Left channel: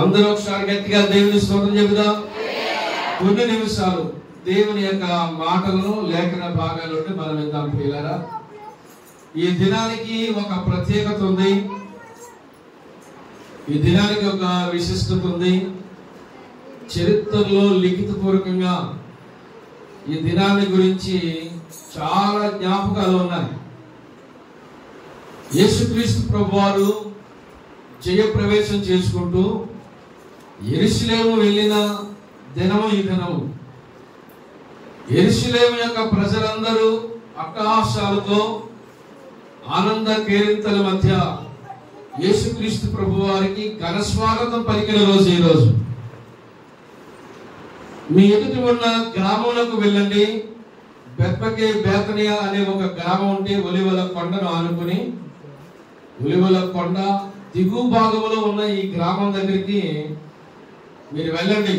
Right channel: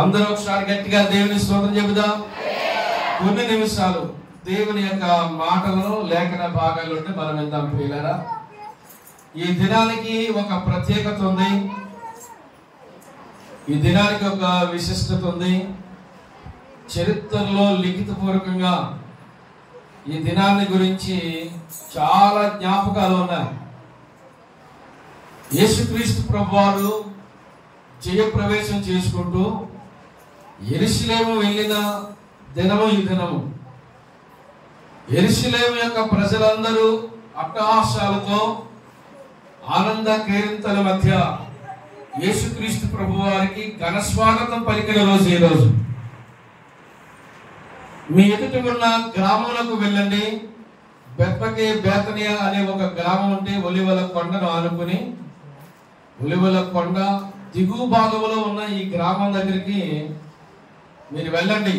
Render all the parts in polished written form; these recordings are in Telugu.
అందరూ ఒకసారి గట్టిగా దేవుని స్తోత్రం చెబుదాం. కొన్ని నిమిషాలు దేవుని యొక్క మాటలను లేఖన భాగాలు మనం విందాం ప్రియులారా. ఈ దినానికి ఒక ప్రత్యేకత ఉంది, ఈ దినానికి ఒక విశిష్టత ఉంది. చరిత్రలో లిఖితపూర్వకంగా ఈ దినాన్ని గురించి చాలా జ్ఞాపకాలు ఉన్నాయి. యేసుక్రీస్తు ప్రభువారు జయప్రవేశం చేసుకుంటూ యెరూషలేము వెళ్ళిన దినము ఈ దినము. యెరూషలేము యొక్క ప్రజలందరూ అట్టహాసాలతో ఆనంద కేరింతల మధ్య యేసుక్రీస్తు ప్రభువారికి ఘన స్వాగతం పలికిన రోజు ఈ రోజు. మీ ఎదుటి ఉన్న గ్రామంలోకి వెళ్ళండి. బెత్పగే బేతనియా అనే ఒక గ్రామం ఉంటే ఒలివల కొండను ఆనుకుని, ఒలివల కొండ దిగువ భాగంలో ఉన్న ఈ గ్రామం దగ్గరికి మీరు వెళ్ళండి.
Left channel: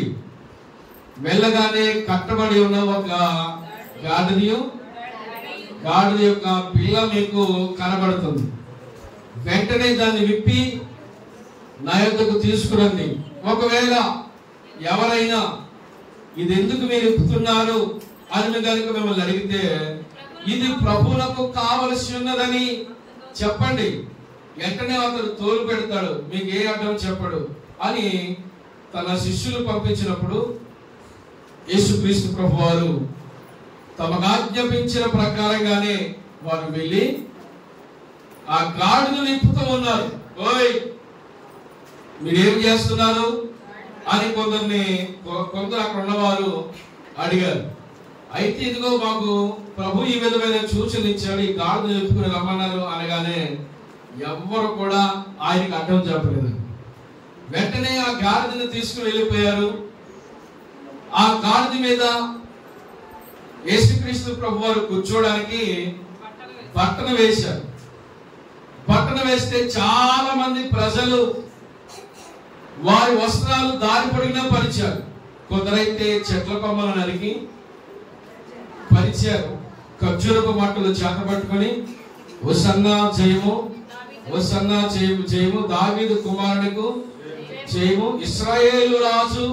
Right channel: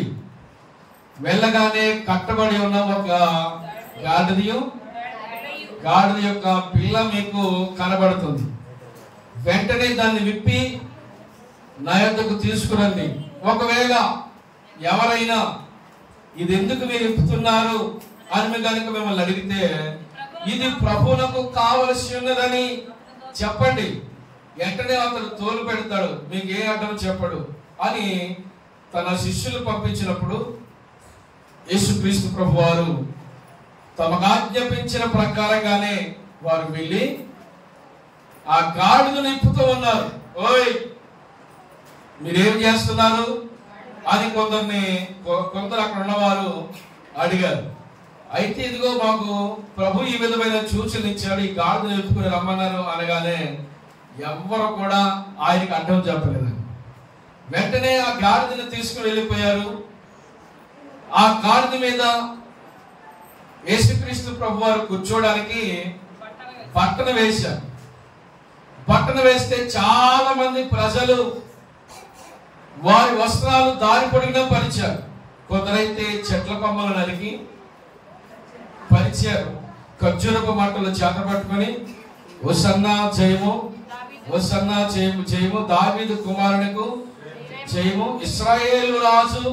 వెళ్ళగానే కట్టబడి ఉన్న ఒక గాడిద యొక్క పిల్ల మీకు కనబడుతుంది. వెంటనే దాన్ని విప్పి నా యొద్దకు తీసుకురండి. ఒకవేళ ఎవరైనా ఇది ఎందుకు మీరు విప్పుతున్నారు అని కనుక మిమ్మల్ని అడిగితే, ఇది ప్రభువులకు కావలసి ఉన్నదని చెప్పండి. వెంటనే అతడు తోలు పెడతాడు, మీకు ఏ అడ్డం చెప్పడు అని తన శిష్యులు పంపించినప్పుడు యేసుక్రీస్తు ప్రభువారు తమకు ఆజ్ఞాపించిన ప్రకారంగానే వారు వెళ్ళి ఆ గాడిదను నింపుతూ ఉన్నారు. ఓయ్, మీరేం చేస్తున్నారు అని కొందరు అక్కడ ఉన్నవారు అడిగారు. అయితే ఇదిగో మాకు ప్రభు ఈ విధమైన సూచనలు ఇచ్చాడు, ఈ గాడిదను నింపుకుని రమ్మన్నారు అనగానే ఎవ్వరు కూడా ఆయనకు అడ్డం చెప్పలేదు. వెంటనే ఆ గాడిదను తీసుకుని వెళ్ళిపోయారు. ఆ గాడిద మీద యేసుక్రీస్తు ప్రభు వారు కూర్చోడానికి బట్టను వేశారు. బట్టను వేస్తే చాలా మంది ప్రజలు వారి వస్త్రాలు దారి పొడిగా పరిచారు. కొందరైతే చెట్ల కొమ్మలు నరికి పరిచారు. ఖర్జూరపు మంటలు చేత పట్టుకుని హోసన్నా జయము, హోసన్నా జయము, జయము దావీదు కుమారునికు జయము, ఇశ్రాయేలు రాజు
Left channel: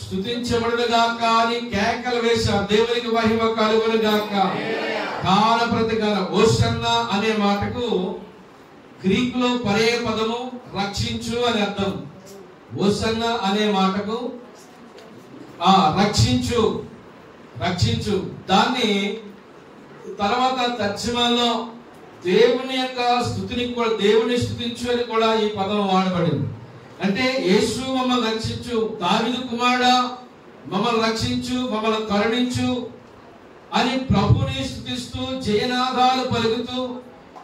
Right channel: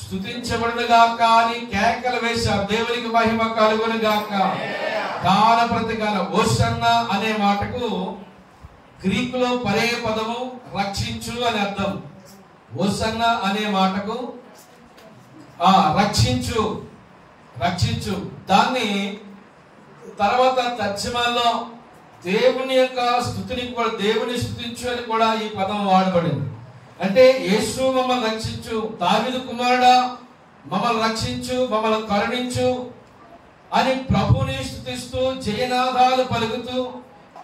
స్తుతించబడును గాక అని కేకలు వేశారు. దేవునికి మహిమ కలుగును గాక. గాన ప్రతిగాన హోసన్నా అనే మాటకు గ్రీకులో పర్యాయ పదము రక్షించు అని అర్థం. హోసన్నా అనే మాటకు రక్షించు, రక్షించు. దాన్ని తర్వాత తర్జమాలో దేవుని యొక్క స్తుతిని కూడా, దేవుని స్తుతించు అని కూడా ఈ పదం వాడబడింది. అంటే యేసు మమ్మల్ని రక్షించు, దావీదు కుమారుడా మమ్మల్ని రక్షించు, మమ్మల్ని కరుణించు అని ప్రభుని స్తుతిస్తూ జయనాదాలు పలుకుతూ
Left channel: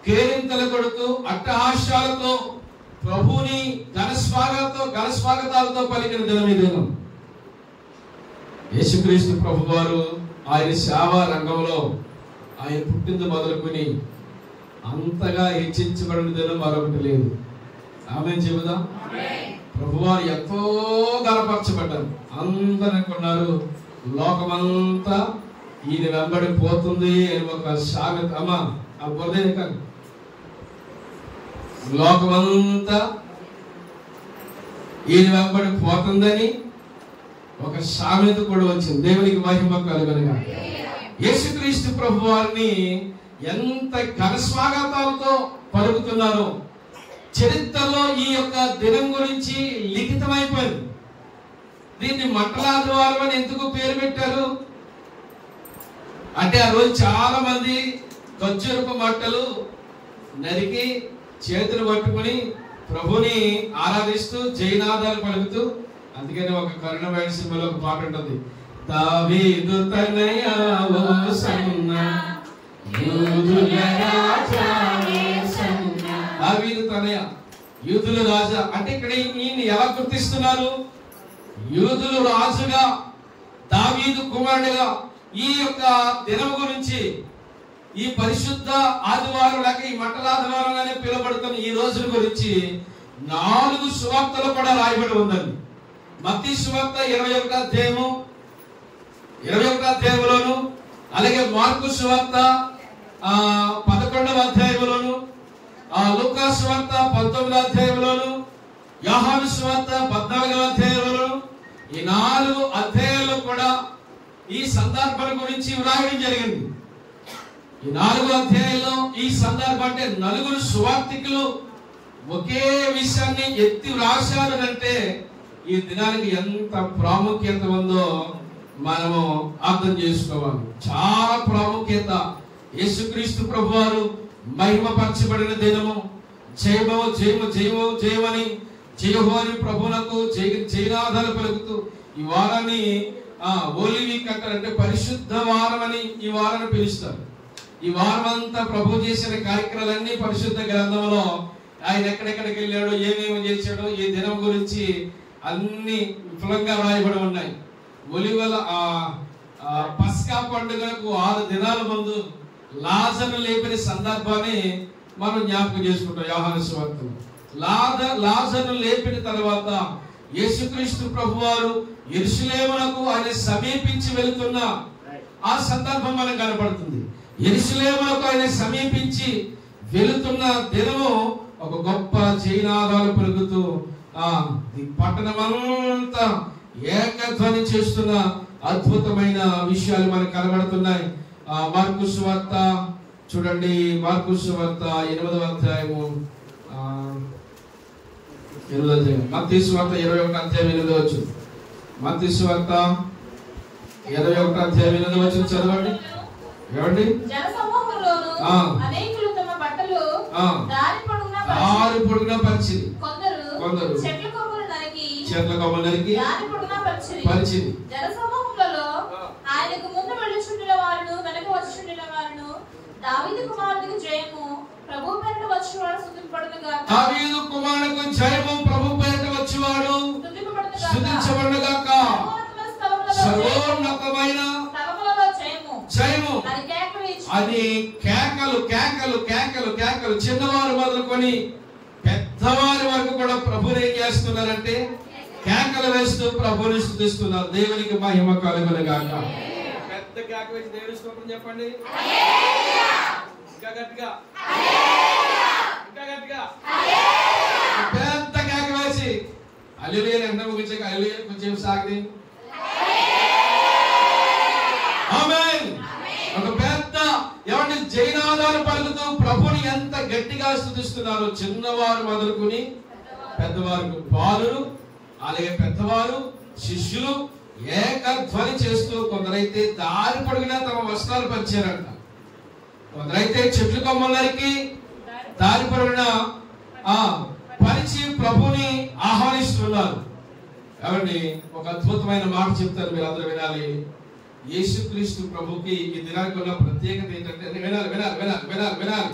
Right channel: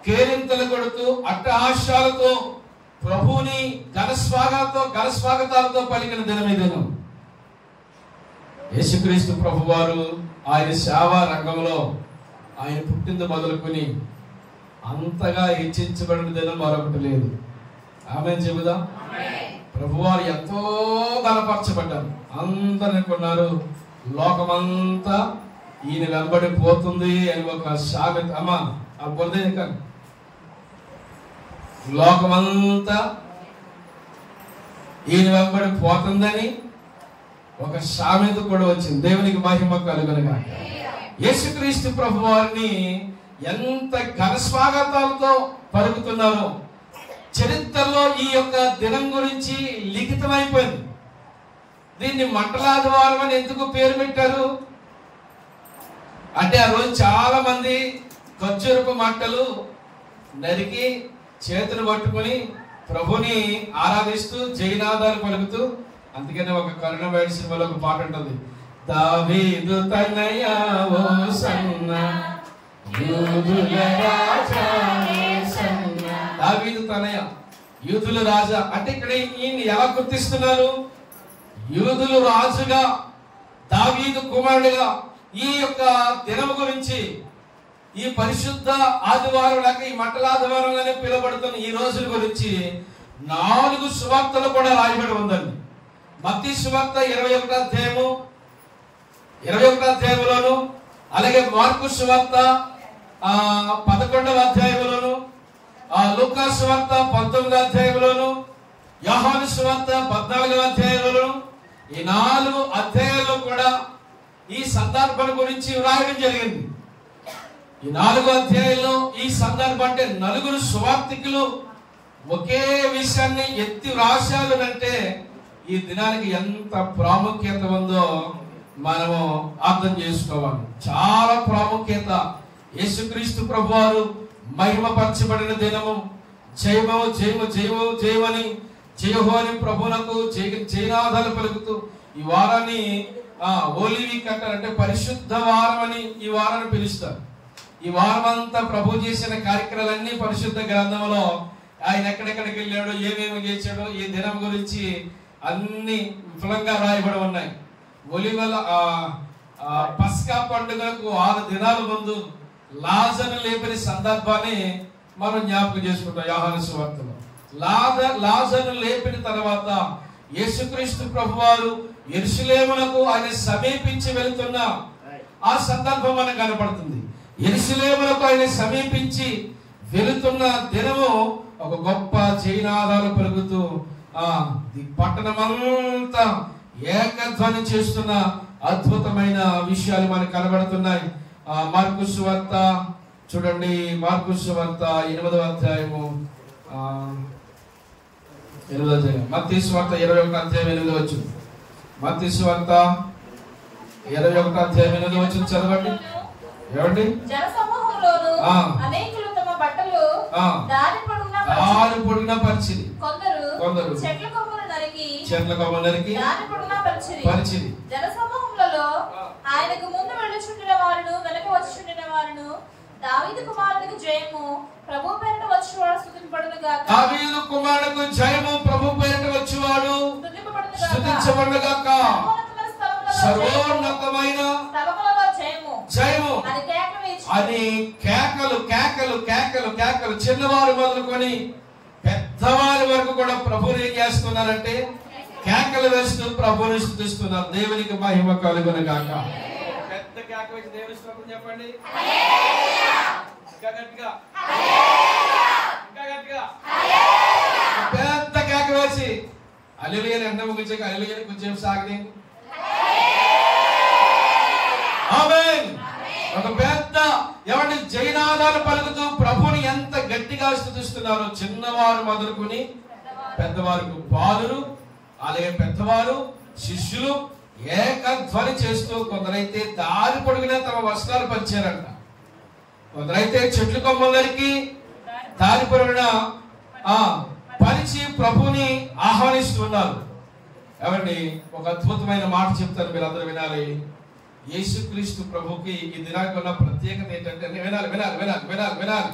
కేరింతలు కొడుతూ అట్టహాస్యాలతో ప్రభుని ఘనస్వాగతాలతో పలికిన దినం ఈ దినం. యేసుక్రీస్తు ప్రభువారు ఆయన సేవా రంగంలో ఆయన పుట్టింది మొదలుకొని అంతగా హెచ్చించబడిన దినం మరొకటి లేదు. ఆమేన్ చెబుదాం. ప్రభువారు ఎంతో బలపరచబడ్డారు. అందరూ అనుకున్నారు లోకమంతా ఈయన వెంబడి పోతుంది అని ఒక సామెత. అమ్మా ఆ పొందే కానీ లోకమంతా ఈయన వెంబడి పోతుందని ఒక సామెత కూడా వచ్చింది. దేవునికి మహిమ కలుగునుగా. యేసుక్రీస్తు ప్రభువారిని ఎంత ఘన స్వాగతాలతో పలుకుతున్నారో చరిత్రలో ఈ యొక్క దినం గురించి లిఖితమైపోయింది. దీన్ని మంటలాదివారం అని ఎందుకు పేరు పెట్టారు అంటే, ఆ రోజు చాలా మంది ఖర్జూరపు మంటలు నరికి చేతులు పట్టుకుని ప్రభుని ఆరాధిస్తూ జయనాదాలు పలుకుతూ, అందుకనే ఒక కరుణమైన సినిమాలో ఒక పాట ఉంటుంది, దావీదు తనయ హోసన్నా యూదుల రాజా, దావీదు తనయ యూదుల రాజా. అంటే ఇక్కడ ఈయన ఎలా గుర్తిస్తున్నారు? యూదులు రాజుగా, దావీదు కుమారుడుగా. ఈ యొక్క దినం గురించి, ఈ పరిశుద్ధ ఆదివారం లేక ఈ మంటల ఆదివారంగానే పిలువబడుతున్న ఈ రోజుల గురించి 4 సువార్తలు కూడా రాయబడి ఉందండి. మత్తయి సువార్త 21వ అధ్యాయంలోను, అలాగే మార్కు సువార్త 11వ అధ్యాయంలోను, లూకా సువార్త 19వ అధ్యాయంలోను, యోహాను సువార్త 14వ ఈ 4 అధ్యాయాల్లో కూడా ఈ సందర్భం గురించి వ్రాయడం జరిగింది. ఈ 4 అధ్యాయాల్లో ఈ సందర్భం అంటే 4 సువార్తికులు ఒకే విషయాన్ని ఎత్తి వ్రాశారు అంటే ఈ దినానికి ఎంత ప్రాముఖ్యత ఉందో మనము అర్థం చేసుకోవాలి. చాలా ప్రాముఖ్యత. యేసుక్రీస్తు ప్రభువారు మహిమపరచబడిన దినము. జయము జయము జయము జయమని జయహోని ప్రభువునకు జయనాదాలు పలుకుతూ ఈ వారాన్ని హోలీ వీక్ అంటారంటే పరిశుద్ధ వారం అని ఈ వారాన్ని పిలుస్తారు. ఈ వారం అంతా ప్రభు చేసిన కార్యక్రమాలన్నీ పరిశుద్ధ గ్రంథంలో ఆయన ఎక్కడెక్కడికి వెళ్ళాడో, ఏమేమి చేశాడో, ఏ దినం గురించి అన్ని విఫలంగా రాయబడి ఉన్నాయి. ఒలివల పస్కా పండుగలకు 6 దినాల ముందు లాజరు లేపిన సందర్భాన్ని మనం జ్ఞాపకం చేసుకుంటాం. యోహాను సువార్తలో లాజరు లేపిన తర్వాత యేసుక్రీస్తు ప్రభువారు యెరూషలేమునకు ఆయన సమీపించి వెళుతున్న ఆ సందర్భం మనకు కనపడుతుంది. యెరూషలేమునకు ఆయన సమీపించి వెళుతున్న దినము ఒక గొప్ప జయనాదాలు పలుకుతూ పట్టణమంతా ఏకధ్వని చేస్తున్న అద్భుతమైన విషయాలు మనకు కనబడుతున్నాయి. మార్కు సువార్త చూడండి. మార్కు సువార్త 8వ అధ్యాయము 8వ అధ్యాయం. మత్తయి సువార్త 21వ అధ్యాయం 8వ వచనం. మత్తయి సువార్త 21వ అధ్యాయం 8వ వచనం చదవండి. ఏమండి? జనసమూహంలోను అనేకులు తమ బట్టలు దారి పొడుగునా పరిచి కొందరు చెట్ల కొమ్మలు నరికి దారి పొడుగునా పరిచిరి. జనసమూహంలో ఆయనకు ముందు వెళ్ళుచుండిన వారును వెనక వచ్చుచుండిన వారును దావీదు కుమారునికి జయము ప్రభు పేరిట వచ్చువాడు స్తుతింపబడును గాక. దావీదు కుమారునికి జయము ప్రభు పేరిట వచ్చువాడు స్తుతించబడును గాక. సర్వోన్నతమైన జయము అది కేకలు కేకలు కేకలు కేకలు. చిన్నవారు మొదలుకొని పెద్దవారి వరకు కూడా ప్రభుని ఏం చేస్తున్నారంటే కేకలు వేస్తూ ప్రభుని స్తుతిస్తున్నారు. దేవునికి మహిమ కలుగును గాక. పెద్ద కేక వేసి దేవుని స్తోత్రం చెప్పండి. ఇంకా గట్టిగా, ఇంకా గట్టిగా పెద్ద కేక వేసి హల్లెలూయా అంటే ముగించాక హల్లెలూయా కొంచెం సాగది. ఆమేన్. ఒక పెద్ద ఏమంటే జయనాదాలు పలుకుతూ ప్రభుని ఎంత గట్టిగా స్తుతిస్తున్నారు. చిన్నవారు మొదలుకొని పెద్దవారు, బాలురు అలాగే పెద్దవారు, శిష్యులు ఏకధ్వని చేస్తూ కొందరైతే దారి పొడిగిన తమ వస్త్రాలు పరిచారంట. కొందరైతే చెట్లు కొమ్మలకి దారి పొడిగిన పరిచి ప్రభుని ఆహ్వానిస్తున్నారు. ఏమండి? ఒక అద్భుతమైన మాట చెప్తారు, మీరు అందరూ వినాలి. యేసుక్రీస్తు ప్రభుకి ఈ దినానికి ఉన్న ప్రత్యేకత ఏంటంటే వినాలి వినాలి వినాలి వినాలి వినాలి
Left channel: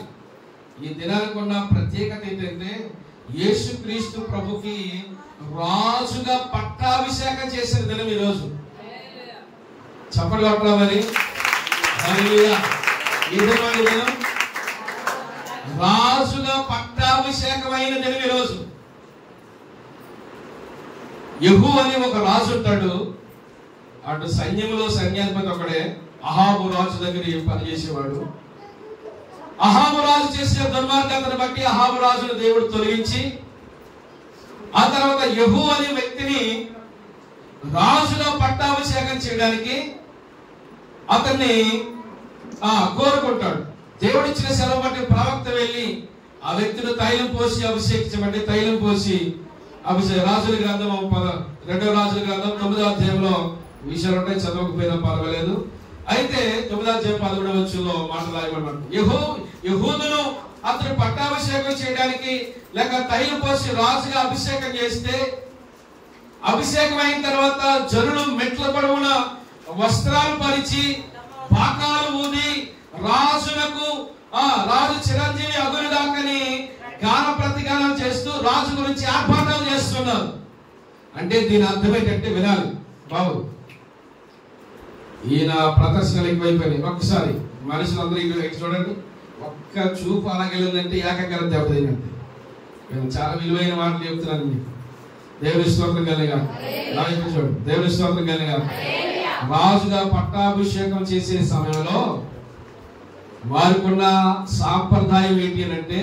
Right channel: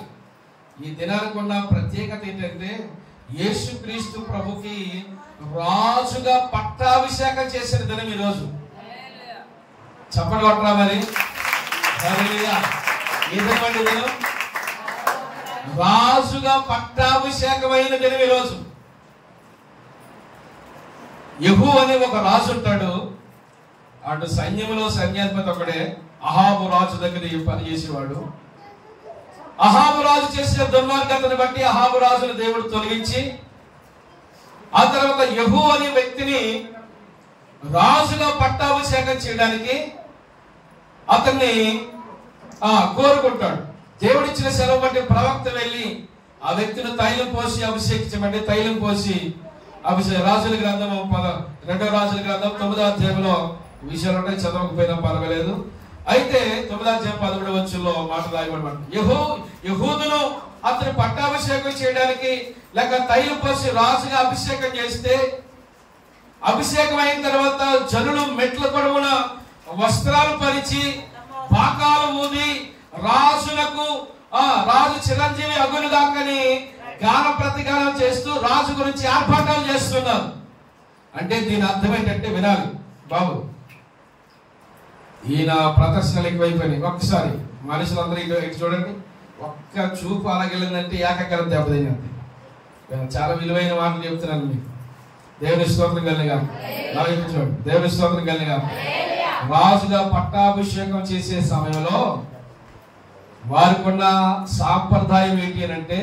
ఈ దినానికి ఉన్న ప్రత్యేకత ఏంటంటే యేసుక్రీస్తు ప్రభుకి రాజుగా పట్టాభిషేకం చేసిన దినం ఈ రోజు. చెప్పండి కొట్టరా మరి. ఈ దినం రాజుగా పట్టాభిషేకమైన దినం ఈ రోజు. యెహూ అనే ఒక రాజు ఉంటాడు. అటు సైన్యంలో సైన్యాధిపతి ఒకడే. అహాబు రాజు దగ్గర పనిచేసేవాడు. అహాబు రాజు చేసిన దుర్మార్గతను బట్టి అహాబు రాజును దేవుడు తొలగించి ఆ తర్వాత యెహూ అనే వ్యక్తిని రాజుగా పట్టాభిషేకం చేయడానికి అతన్ని కోరుకుంటాడు. దేవుడిచ్చిన సెలవు బట్టి ప్రవక్త వెళ్ళి ఆ వ్యక్తిని తైలం పోసి అభిషేకించమంటే తైలం పోసి రాజుల గ్రంథం 2వ రాజుల గ్రంథం 9వ అధ్యాయంలో విషయాలు ఉంటాయి, చదవకపోయినా పర్వాలేదు. అయితే 9వ అధ్యాయం 11వ వచనంలో మాట రాయబడమాట. యెహూదును అతను పట్టాభిషేకం చేయడానికి లేక తైలం పోసి రాజుగా అభిషేకం చేస్తే అభిషేకం అయిన తర్వాత జనులు మెట్ల పొడవున వస్త్రాలు పరిచి బాకాలు ఊది రాజులకు రాజు చిరంజీవి అగుని దాకని గాన ప్రతిగానం చేస్తూ రాజు గురించి ఆర్భాటాలు చేస్తున్నారు. అంటే దీని అర్థం ఏంటంటే వినాలి బాబు, ఈయన ప్రదర్శనలు ఎక్కువైపోయినాయి. ఒక్కసారి మనుషులందరూ ఇటు చూడండి. ఒక్క చూపు అలాగెళ్ళిందంటే ఏకాగ్రత దెబ్బతిందంటే. నేను చాలా విలువైన మాటలు చెప్తున్నాను మీకు. దేవుని స్తోత్రం కలిగా, దేవుని స్తోత్రం కలిగా. రాజుగా పట్టాభిషేకం చేసే సమయంలో వారికి ఉన్న సాంప్రదాయం ఏంటి అంటే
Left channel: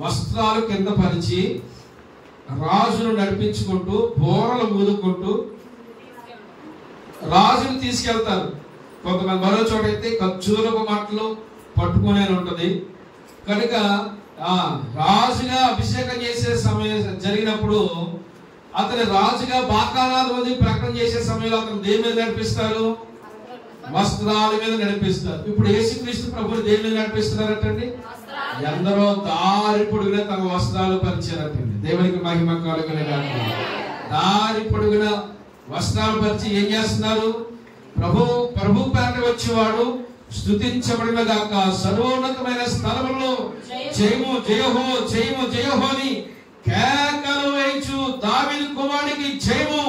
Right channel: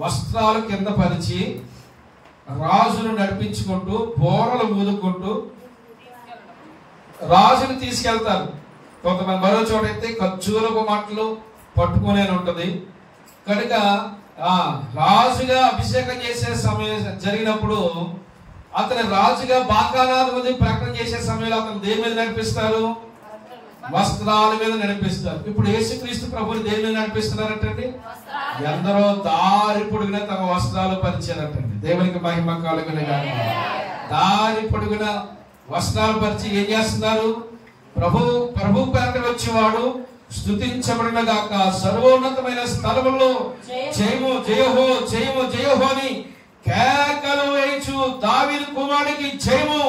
వస్త్రాలు కింద పరిచి రాజును నడిపించుకుంటూ బోరలు ఊదుకుంటూ రాజును తీసుకెళ్తారు. కొంతమంది మరో చోట అయితే ఖర్జూరపు మాటలు పట్టుకునే ఉంటది. కనుక రాజుగా అభిషేకం చేసే సమయం జరిగినప్పుడు అతని రాజుగా బాకానాథుని ప్రకటన చేసే సమయంలో అతను దేని మీద నడిపిస్తారు? వస్త్రాల మీద నడిపిస్తారు. ఇప్పుడు యేసుక్రీస్తు ప్రభువుని దేని మీద నడిపిస్తున్నారటండి? ఎందరో దారి పొడుగున తమ వస్త్రాలు పరిచారటండి. దేవునికి మహిమ కలుగును గాక. దారి పొడుగున వస్త్రాలు పరిచి ఏం చేస్తున్నారు? ప్రభు పేరట వచ్చేవాడు స్తుతించబడును గాక. సర్వోన్నతమైన స్థలములో జయము జయహో జయము జయహో అని కేకలు వేయచ్చు. దావీదు కుమారుడికి జయము,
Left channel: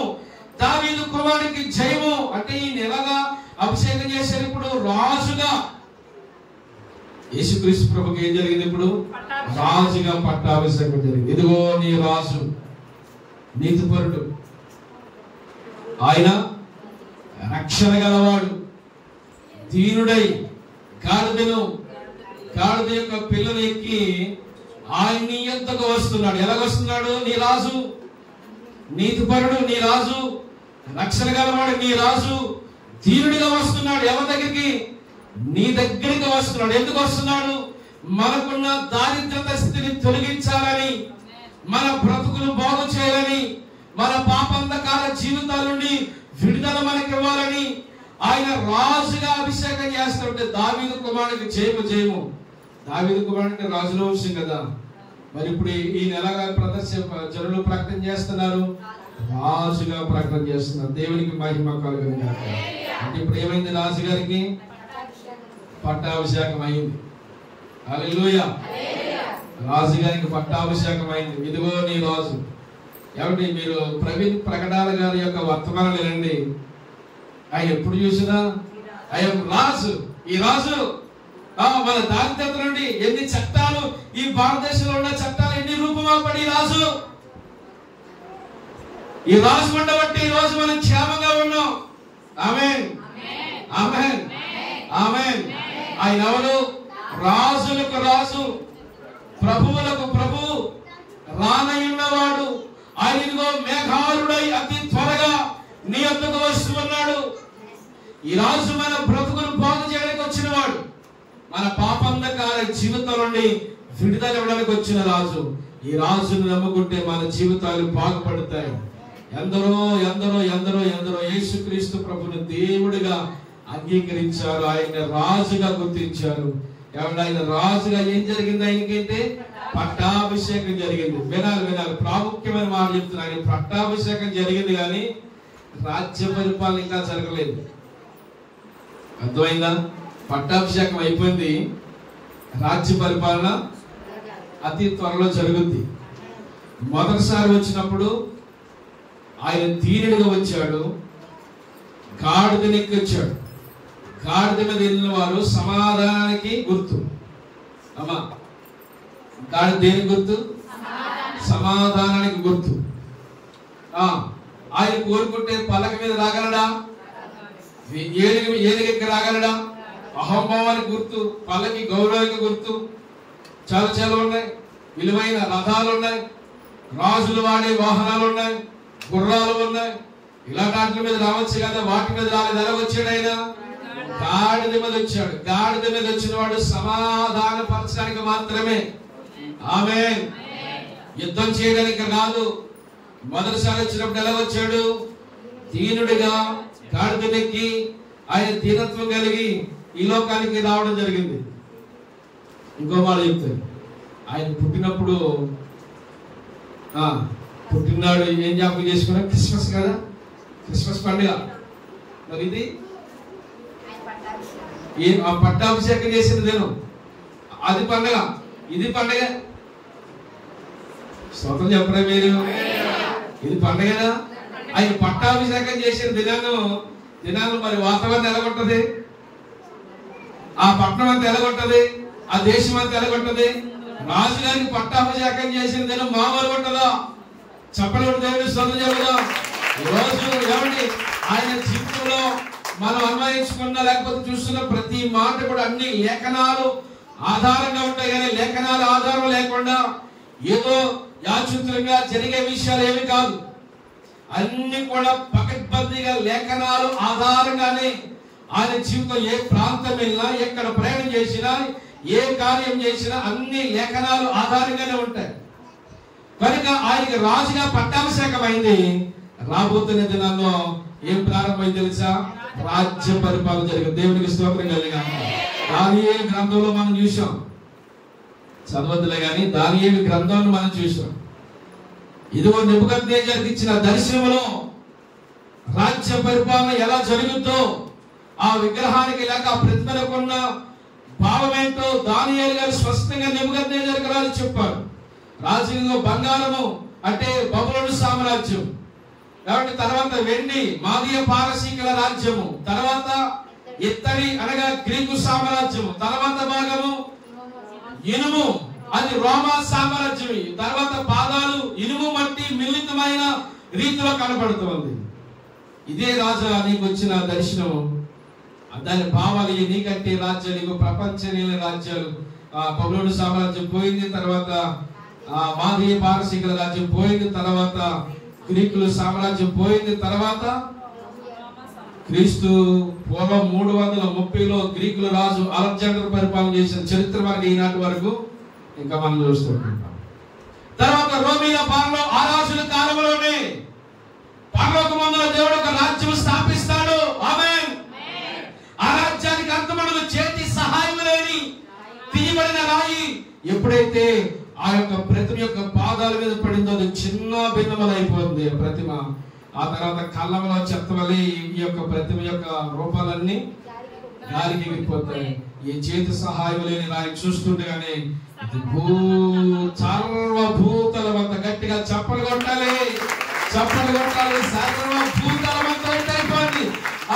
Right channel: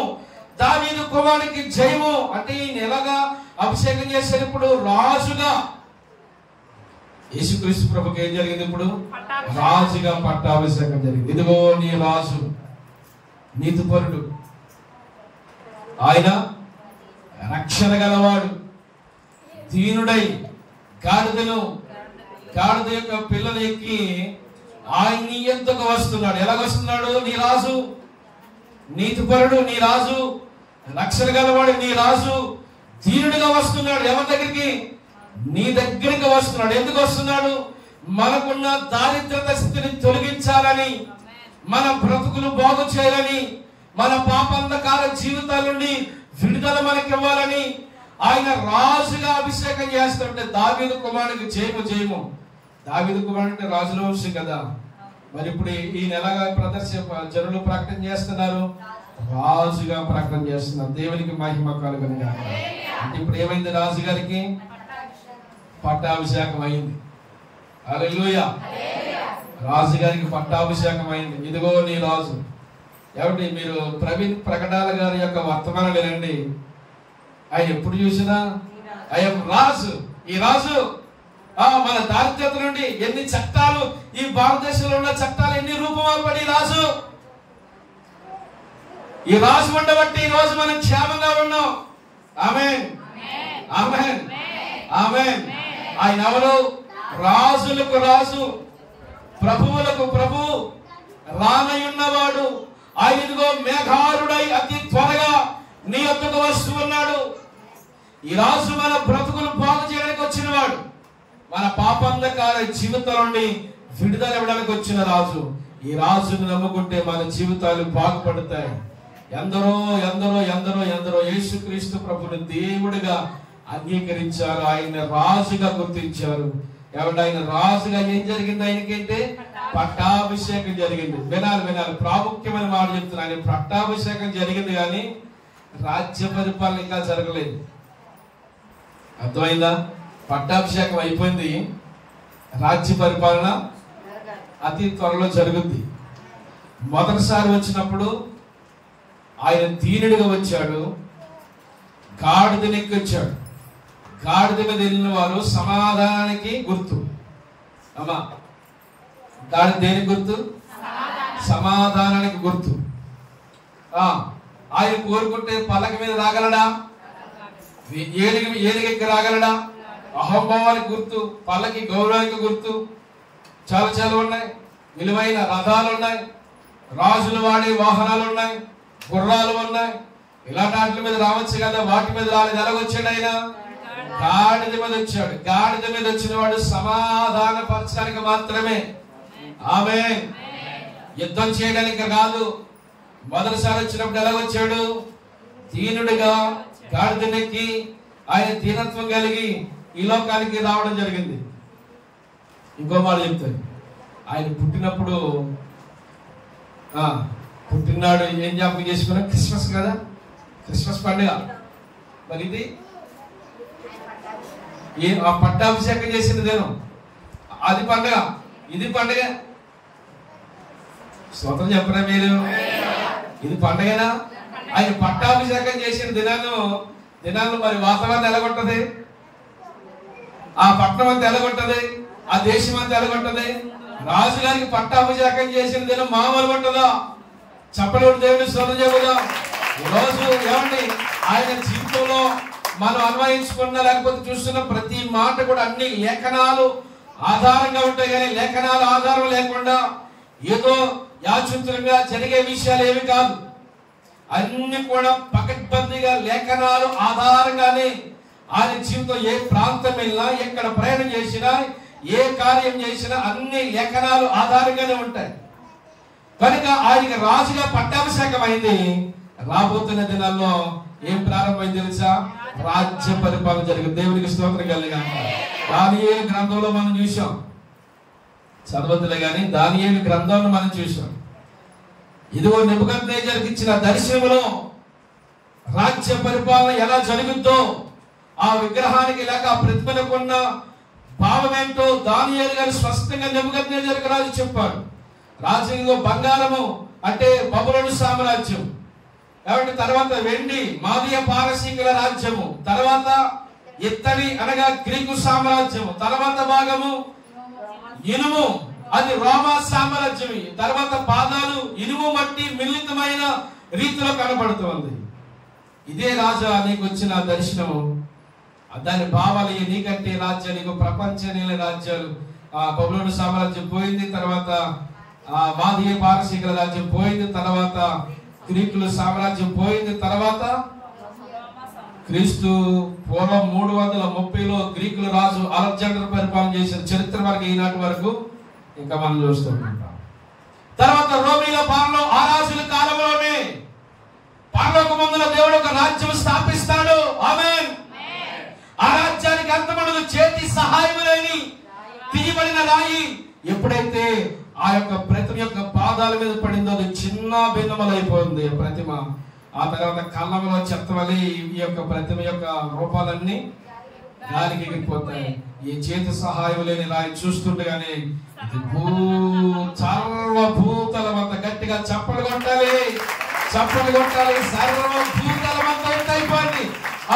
దావీదు కుమారుడికి జయము అంటే ఈయన ఎలాగా అభిషేకం చేసేటప్పుడు రాజుగా. యేసుక్రీస్తు ప్రభుకి ఏం జరిగింది? ఇప్పుడు రాజుగా పట్టాభిషేకం జరిగింది. ఇదిగో నీ రాజు, నీతిపరుడు, ఆయన రక్షణ గలవాడు, దీనుడై గాడిద యొక్క పిల్లలు ఎక్కి ఆయన్ని ఎంతకు వస్తున్నాడు. ఎలా వస్తున్నాడు? నీ రాజు, నీతిపరుడు నీ రాజు, రక్షణ గలవాడు నీ రాజు దీనుడిగా వస్తున్నాడు. ఎవరి దగ్గరికి? నీ దగ్గరికి వస్తున్నాడు. ఎందుకు వస్తున్నాడు? మనకున్న దారిద్రత స్థితిని తొలగించాలని, మన బ్రతుకులు బాగు చేయాలని, మన పాపాంధకార జీవితాల నుండి విడుదల మనకి ఇవ్వాలని ఆయన రాజుగా అభిషేకం చేస్తుంటే దావీదు కుమారుడికి జయము జయము. దావీదు కుమారుడు అంటే రాజుల వంశం కదా. మరి ఇప్పుడు ఈయన ఎలాగా జనులు ప్రకటన చేస్తున్నారు? రాజుగా ప్రకటన చేస్తున్నారు. దేవునికి మహిమ కలుగును గాక. అంటే ఇప్పుడు ఏమైంది? రాజుగారికి పట్టాభిషేకం అయింది. హల్లెలూయా. రాజుగారికి పట్టాభిషేకం అయింది. ఇదిగో నీ రాజు. ఏమండి, మీరు ప్రవీణ్ ప్రకటన గారి యొక్క వర్తమానం వినండి. ఆయన ఎప్పుడు చూసినా ఆయన రాజు, ఈ రాజు మన దారిద్రత నుండి ఎన్ని చట్టాలు, ఈ భారతదేశంలో ఉన్న చట్టాలు ఎన్ని రూపమాపడి రాజు, ఈ రాజు ఉండబట్టి ఈ రోజు మనం క్షేమంగా ఉన్నాం. ఆమేన్, ఆమేన్, ఆమేన్. ఆయన ఎవరు? రాజులకు రాజు, ప్రభువులకు ప్రభు, రానయున్నవాడు. ఆయన ఇదిగో మేఘారుడై అతి త్వరగా నీ వద్దకు వస్తూ ఉన్నాడు. ఈ రాజు మన బ్రతుకులు బాగు చేయడానికి వచ్చిన వాడు, మన పాపంధకార జీవితం నుండి విడుదల ఇవ్వడానికి వచ్చిన రాజు. ఈ రాజును నమ్ముకుంటే మన జీవితాలు బాగుపడతాయి. ఎందరో ఎందరో ఎందరో ఎందరో యేసుక్రీస్తు ప్రభుని దేవుడిగా అంగీకరించారు, ఆయన రాజుగా గుర్తించారు. ఎవరు? ఆయన రాజుగా ఏం జరిగింది? ఆయనకైతే పట్టాభిషేకం జరిగింది. వినాలి, ప్రాముఖ్యమైన మాట చెప్తున్నా. ఆయన పట్టాభిషేకం జరిగింది కానీ రాజ్య పరిపాలన ఇంకా జరగలేదు. అర్థమైందా? పట్టాభిషేకం అయిపోయింది, రాజ్య పరిపాలన అతి త్వరలో జరుగుద్ది. మొదటిసారి వచ్చినప్పుడు ఆయన దీనుడిగా వచ్చాడు, గాడిదనెక్కి వచ్చాడు. గాడిద మీద వెళ్ళిన వారు సమాధానానికి గుర్తు. అమ్మా, గాడిద దేనికి గుర్తు? సమాధానానికి గుర్తు. ఆయన కోరుకుంటే పలక మీద రాగలడా? ఏదికి రాగలడా? అహంభావానికి గుర్తు, పల్లకి గౌరవానికి గుర్తు. చాలా చాలా ఉన్నాయి. విలువైన రథాలు ఉన్నాయి, రాజులు వాడే వాహనాలు ఉన్నాయి, గుర్రాలు ఉన్నాయి. ఇలాంటి వాటి మీద రావచ్చు కదా, వాటి మీద రాలేదు. ఎలాగొచ్చాడు ఆయన? గాడిద మీద వచ్చాడు. గాడిద మీద వచ్చిన వాడు సమాధాన పరచడానికి మాత్రమే. ఆమేన్. యుద్ధం చేయడానికి కాదు. మొదటిసారి వచ్చినప్పుడు ఎలా వచ్చాడు? దీనుడిగా గాడిదెక్కి ఆయన దీనత్వం కలిగి ఈ లోకానికి రావడం జరిగింది. ఇంకో మాట చెప్తాడు, ఆయన పుట్టినాడు ఏం జ్ఞాపకం చేసుకున్నా? క్రిస్మస్ కదా, క్రిస్మస్ పండుగ. మరి ఇది పట్టాభిషేకం చేసిన దినం, అది పండుగ, ఇది పండుగ. స్వతం చెప్పరా మీరు? ఇది పండుగనా? ఆయన పట్టాభిషేకం చేసిన దినాల్లో మరి వాతావరణం ఎలాగుంటది? ఆ పట్టణం అంతా ఎలాగుంటది? ఆ దేశం అంతా ఎలాగుంటది? రాజుగారికి పట్టాభిషేకం చేసిన దినం మామూలుగా ఉంటుందా? చెప్పలేడు. దేవుని స్తోత్రం చెబుదాం. ఈరోజు ఏమండి, ఆయన జీవితంలో మనం అన్వయించుకున్న లేకపోతే చూస్తున్న ప్రతి మాట కూడా అన్ని లేఖనాలు ఆధారంగా ఉంటాయి. కానీ లేఖనాల ఆధారం లేకుండా ఏదో యాదృచ్ఛికంగా జరిగే విషయాలు ఏమి కాదు. అన్ని కూడా పకడ్బందీగా లేఖనాలు ఆధారంగానే ఆయన జీవితం ఏ ప్రాంతం వెళ్ళినా, ఎక్కడ ప్రయాణం చేసినా, ఏ కార్యం చేసినా అన్ని లేఖనాలు ఆధారంగానే ఉంటాయి. కనుక ఆయనకి రాజుగా పట్టాభిషేకమైంది. రాబోతున్న దినాల్లో ఏం ప్రారంభమైంది తెలుసా? రాజ్య పరిపాలన జరిగింది. దేవునికి స్తోత్రం కలుగుగాక. దానియేలు గ్రంథంలో మనం చూసాం, చదవద్దులే కానీ దానియేలు గ్రంథంలో మనం చూసాం. ఇదిగో నెబుకద్నెజరుకు ఇచ్చిన దర్శనములో రాజ్య పరిపాలన ఎలా జరుగుతుందో, ఆ విగ్రహానికి లేక ఆ ప్రతిమలకు ఉన్న భావం ఏంటో దానియేలు గారు స్పష్టంగా నెబుకద్నెజరుకు రాజు చెప్పాడు. రాజులో బంగారము అంటే బబులోను సామ్రాజ్యం, కాబట్టి తర్వాత వెండి మాదీయ పారసీకుల రాజ్యము, తర్వాత ఇత్తడి అనగా గ్రీకు సామ్రాజ్యము, తర్వాత భాగము ఇనుము అది రోమా సామ్రాజ్యం, తర్వాత పాదాలు ఇనుము మట్టి మిళితమైన రీతిలో కనబడుతుంది. ఇదే రాజా నీకు వచ్చిన దర్శనం, దాని భావాలు నీకంటే రాజ్యాలు, ప్రపంచ రాజ్యాలు, బబులోను సామ్రాజ్యం పోయింది, తర్వాత మాదీయ పారసీకుల రాజ్యం పోయింది, తర్వాత గ్రీకుల సామ్రాజ్యం పోయింది, తర్వాత క్రీస్తు పూర్వం 330లో గ్రీకుల రాజు అలెగ్జాండర్ పరిపాలన చేసిన చరిత్ర వరకు ఈనాటి వరకు ఇంకా మనం చూస్తుంటాం. తర్వాత రోమీల పాలనలో ఆ రాజుల కాలంలోనే పరలోకమందున దేవుడు ఒక రాజ్యం స్థాపిస్తాడు. ఆమేన్. ఆ రాజ్యానికి అంతముడు చేతి సహాయం లేని తీయబడిన రాయి ఎప్పుడైతే ఆ యొక్క ప్రతిమ యొక్క పాదాల మీద పడిందో అది చిన్న భిన్నములైపోయింది ఆ ప్రతిమ. ఆ తర్వాత కళ్ళంలో చెత్తవలి ఈ యొక్క ప్రతిమ యొక్క రూపాలన్నీ గాలికి ఎగిరిపోతాయి. ఈ చేతి సహాయం లేని రాయి చూస్తుండగానే సర్వభూతలమంత గట్టిగా చప్పలు కొట్టాలి, చప్పలు కొట్టాలి, సర్వభూతలమంత అయిపోయింది.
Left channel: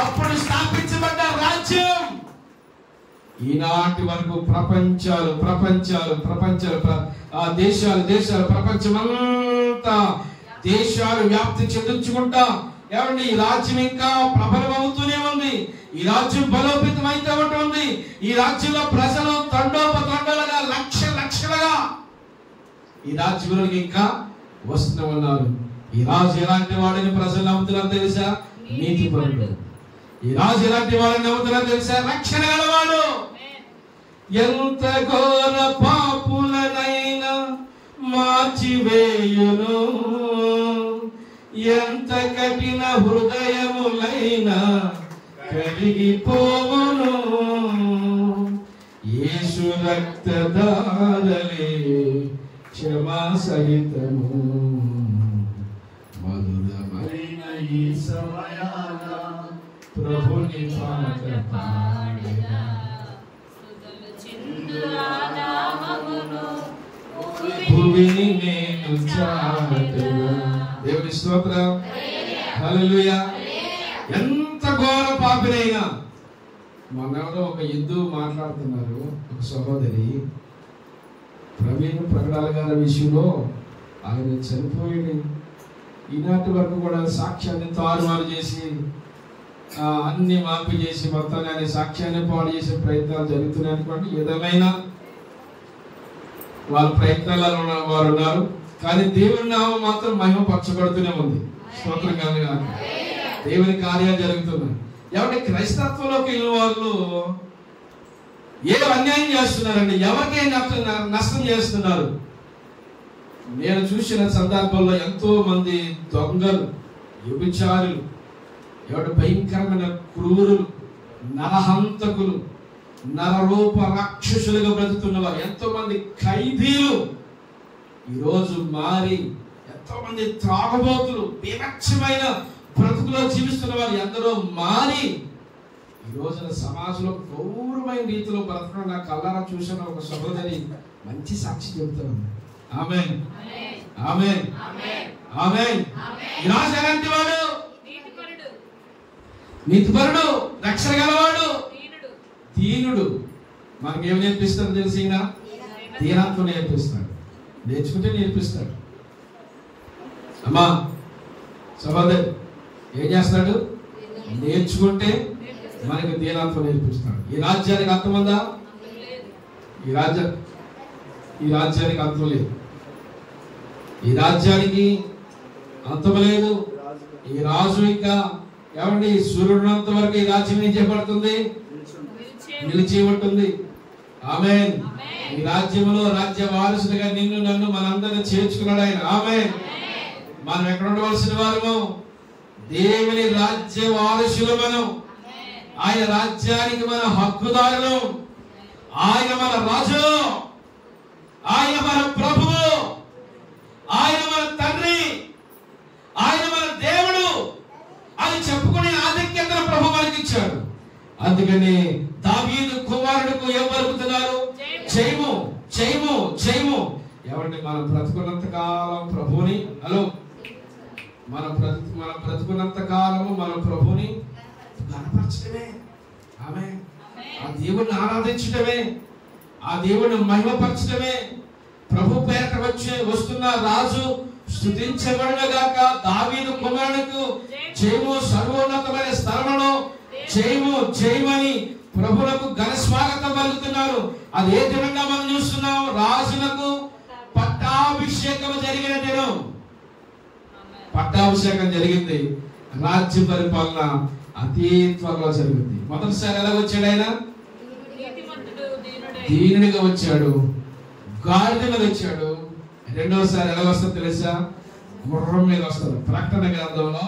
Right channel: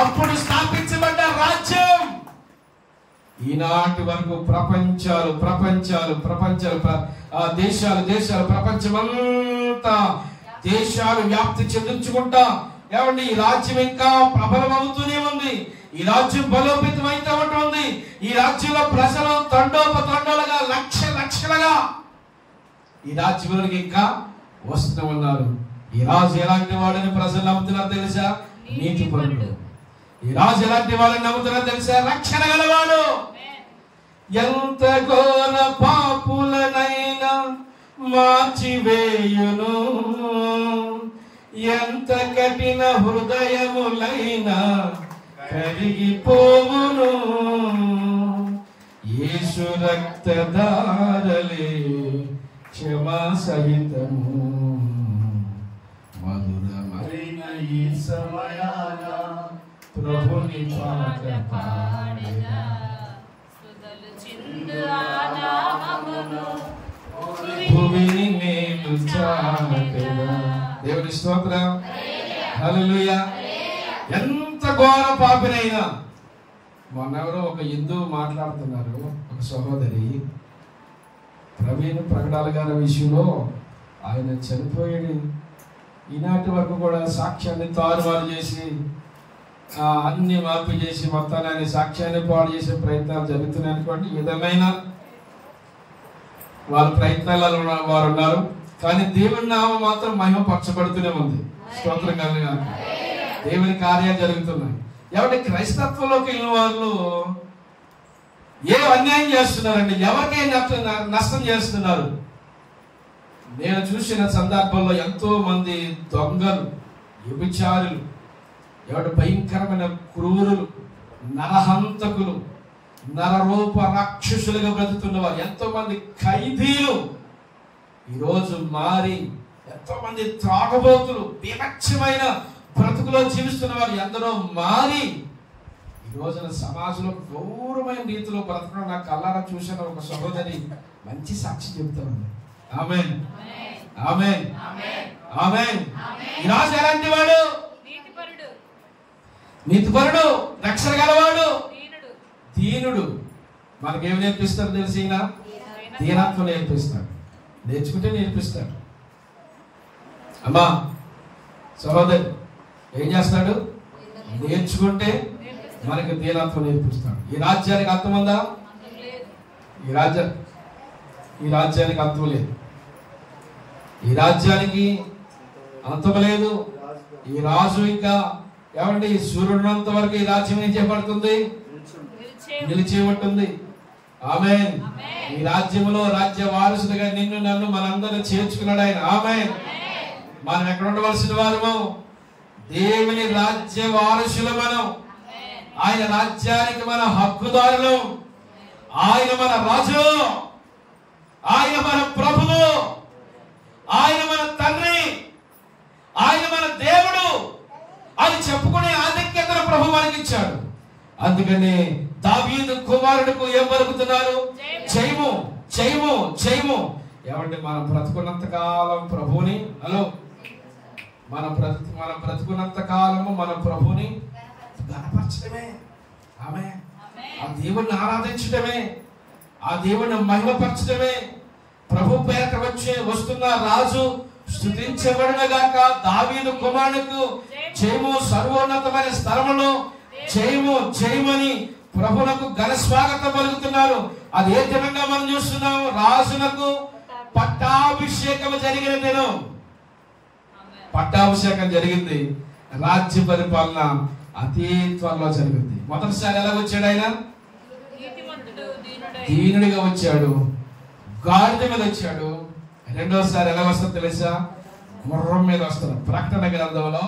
అప్పుడు స్థాపించబడ్డ రాజ్యం ఈనాటి వరకు ప్రపంచాలు ప్రపంచాలు ప్రపంచాలు దేశాలు దేశాలు ప్రపంచమంతా దేశాలు వ్యాప్తి చెందించుకుంటా ఏమండి ఈ రాజ్యం ఇంకా ప్రబలం అవుతూనే ఉంది. ఈ రాజ్యం బలోపేతం అయితే ఉంటుంది. ఈ రాజ్యంలో ప్రజలు తండోపతండాలుగా లక్షలుగా ఈ రాజ్యంలోకి ఇంకా వస్తూ ఉన్నారు. ఈ రాజు ఎలాంటి వాడిని ప్రజలు నమ్ముతున్నారు తెలుసా? నీతిపరుడు. ఈ రాజు ఎలాంటి వాడిని నమ్ముతున్నారు తెలుసా? రక్షణ గలవాడు. ఎంత ఘోర పాపులనైనా మార్చివేయును, ఎంత కఠిన హృదయములైనా కరిగిపోవును. యేసు రక్తధారలే క్షమా సహితము, మధురమైన ఈ సమయాన ప్రభుని పాట పాడెదా, స్తుతులు చిందు ఆనామమును భూమిని నేను చాటెదా. దేవుని స్తోత్రం, హల్లెలూయా. ఎంత ఘోర పాపినైనా, మొన్నెవరో ఒక హిందువు మాట్లాడుతున్నారు, ఒక సహోదరి ప్రవీణ్ ప్రకటాల గారి విషయంలో ఆయన చనిపోయి ఈనాటి వరకు కూడా సాక్ష్యాన్ని తారుమారు చేసి అన్ని మార్పు చేసి మొత్తాన్ని ఆయన సాక్ష్యాన్ని పాడు చేసే ప్రయత్నాలు జరుగుతున్నాయి అనుకోండి. ఏదేమైనా వాళ్ళ ప్రయత్నాలలో వారు ఉన్నారు, కానీ దేవుని నామం మాత్రం మహిమపరచబడుతూనే ఉంది. స్తోత్రం కలుగుగాక. దేవుని కార్యాలు జరుగుతున్నాయి. ఎవరి క్రైస్తత్వంలోకి వెళ్ళిన వాళ్ళు ఏ అన్యాయం చేస్తున్నారండి, ఎవరికే నష్టం చేస్తున్నారు. నేను చూసిన సందర్భంలో ఎంతో మంది దొంగలు, వ్యభిచారులు, ఎవరి భయంకరమైన క్రూరులు, నరహంతకులు, నరరూప రాక్షసులుగా బ్రతుకుతున్న వారు, ఎంతో మంది ఖైదీలు ఈరోజు మారి, ఎంతో మంది త్రాగబోతులు, వివక్షమైన బ్రతుకులో జీవిస్తున్న వారు ఎందరో మారి ఈ రోజున సమాజంలో గౌరవమైన రీతిలో బ్రతకడం నా కళ్ళారా చూసిన ఒక సహోదరి మంచి సాక్షి చెబుతాను. ఆమేన్, ఆమేన్, ఆమేన్. ఈ రాజు ఎలాంటి వాడు? నీతిపరుడు, రక్షణ గలవాడు, దీనుడు. మనకేం నేర్పిస్తాడు తెలిసి? దీనత్వం నేర్పిస్తాడు. నేర్చుకుంటే నేర్పిస్తాడు. అమ్మా సహోదరి ఏం చేస్తాడు? నేర్చుకుంటే మనకి దీనత్వం నేర్పిస్తాడు. ఈ రాజ్యానికి అంతం ఉందా? ఈ రాజ్యానికి అంతం లేదు. ఈ రాజ్యానికి అంతం లేదు. ఈ రాజు ఇంకా ఏమండి సూర్యుడినంత వరకు ఈ రాజ్యం ఏం చేయబడుతుంది, నిలిచి ఉంటుంది. ఆమేన్. ఈ రాజ్యంలో రాజ్య వారసుడిగా నిన్ను నన్ను మనందరినీ చేర్చుకున్నాడు ఆయన. ఆమేన్. మనం ఎక్కడ ఉండవలసిన వారము, దేవుని రాజ్య వారసులు మనం. ఆయన రాజ్యానికి మన హక్కుదారులు. ఆయన మన రాజు, ఆయన మన ప్రభువు, ఆయన మన తండ్రి, ఆయన మన దేవుడు అని చెప్పుకునే ఆధిక్యతను ప్రభు మనకి ఇచ్చాడు. అందుకని దావీదు కుమారుడికి ఏం పలుకుతున్నారు, జయము జయము జయము. ఏమంటే మనం బ్రతుకున్నంత కాలం ప్రభువుని మనం బ్రతుకున్నంత కాలము మన ప్రభుని ఘనపరచడమే. ఆమె ఆ దేవుణ్ణి ఆరాధించడమే, ఆ దేవుణ్ణి మహిమపరచడమే. ప్రభు పేరట వస్తున్న రాజు స్తుతించబడుగాక. దావీదు కుమారుడుకు జయము, సర్వోన్నతమైన స్థలములో జయము జయమని ప్రభువులకు ఘన స్వాగతం పలుకుతున్నారు. అది ఏ దినంగా మనం చూస్తున్నాం, రాజులకు పట్టాభిషేకం జరిగిన దినం. పట్టాభిషేకం జరిగింది. రాజ్య పరిపాలన అతి త్వరలో జరిగింది. మొదటిసారి ఎలా వచ్చాడు ఆయన, దీనుడిగా వచ్చాడు, గాడిద మీద వచ్చాడు. రెండోసారి ఎలా వస్తుందో తెలుసా, గుర్రం మీద వస్తాడు. ప్రకటన గ్రంథంలో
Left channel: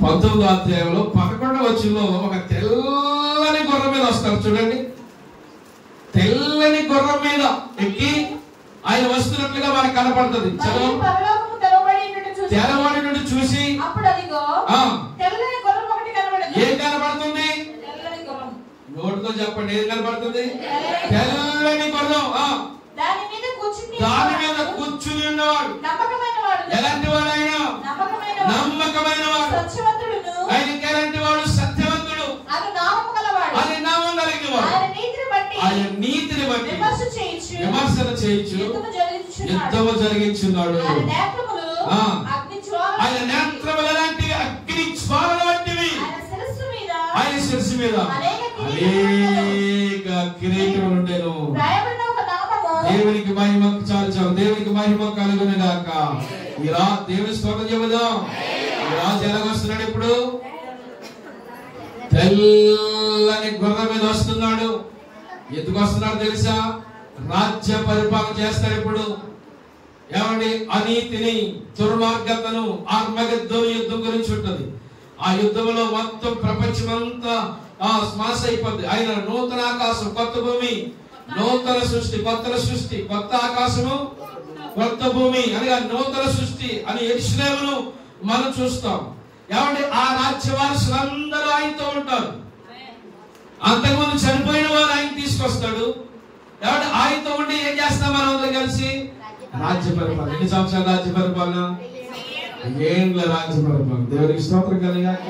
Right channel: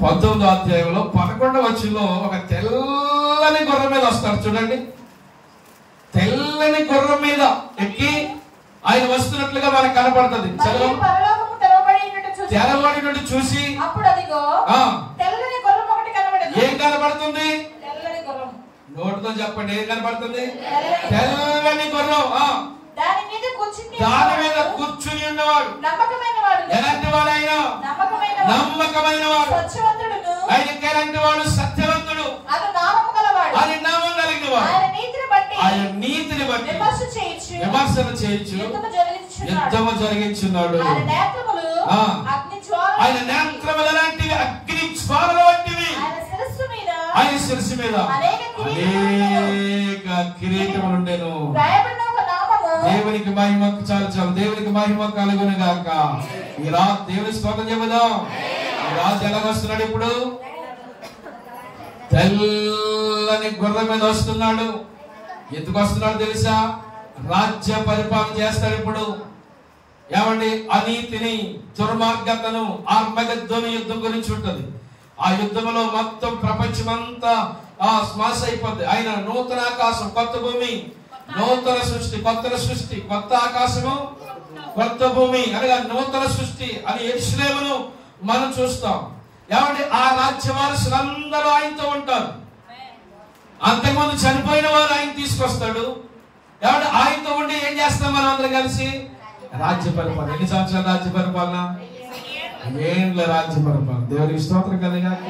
19వ అధ్యాయంలో 11వ వచనంలో ఒక తెల్లని గుర్రం మీద వస్తాడు. చూడండి, తెల్లని గుర్రం మీద ఎక్కి ఆయన వస్తున్నట్లుగా మనకు కనపడుతుంది. చదువు. తెరవడి నుండి చూసి ఏం కనపడుతుంది, నోటితో చెప్పండి, ఏం కనపడుతుంది, తెల్లని గుర్రం. దాని మీద కూర్చుని ఉన్నవాడు ఎలాంటి వాడు, ఆయన నమ్మకమైన వాడు. ఆయనకి ఎలాంటి వాడు, సత్యవంతుడు, ఆయన నామం కలిగిన వాడు. ఆయన నీతిని బట్టి విమర్శన చేయొచ్చు, యుద్ధము జరిగించున్నాడు. ఆయన నేత్రముల లాంటివి, అగ్ని జ్వాలల వంటివి. ఆయన శిరస్సు మీద అనేక కిరీటములు ఉండెను. దేవునికి మహిమ, చాలు దేవునికి మహిమ కలుగును గాక. ఈ దేవుని స్తోత్రం చెబుదాం. ఈ రాజు ఎలా వస్తున్నాడు, ఇప్పుడు తెల్లని గుర్రం మీద వస్తున్నాడు. ఎందుకు వస్తున్నాడు తెలుసా, రాజ్య పరిపాలన చేస్తాడు. ఇప్పుడు ఏమండి, అనీతిని, దుర్మార్గతను, ఆర్మగద్దోను యుద్ధం గురించి ఉంటుంది. ఆ యుద్ధంలో మొత్తం ప్రపంచమంతా స్మాష్ అయిపోద్ది. ఆయన నూతన ఆకాశం, కొత్త భూమి, నూతన సృష్టి, కొత్త ఆకాశము, కొత్త భూమి అనగా నూతన సృష్టి అని యెరూషలేమును మనం చూస్తాం. ఏమంటే ఆ రాజ్య వారసులందరూ ఆయనతో ఉంటారు. అంతకుముందు చనిపోయిన వారు ఆయన తీసుకొస్తాడు. ఏమంటే ఆయనతో ఉండి ఏం చేస్తాం మనం అందరం కలిసి, రాజ్య పరిపాలన. ఎన్ని సంవత్సరాల రాజ్య పరిపాలన, ఏండ్ల రాజ్య పరిపాలన. దేవునికి స్తోత్రం కలిగాక.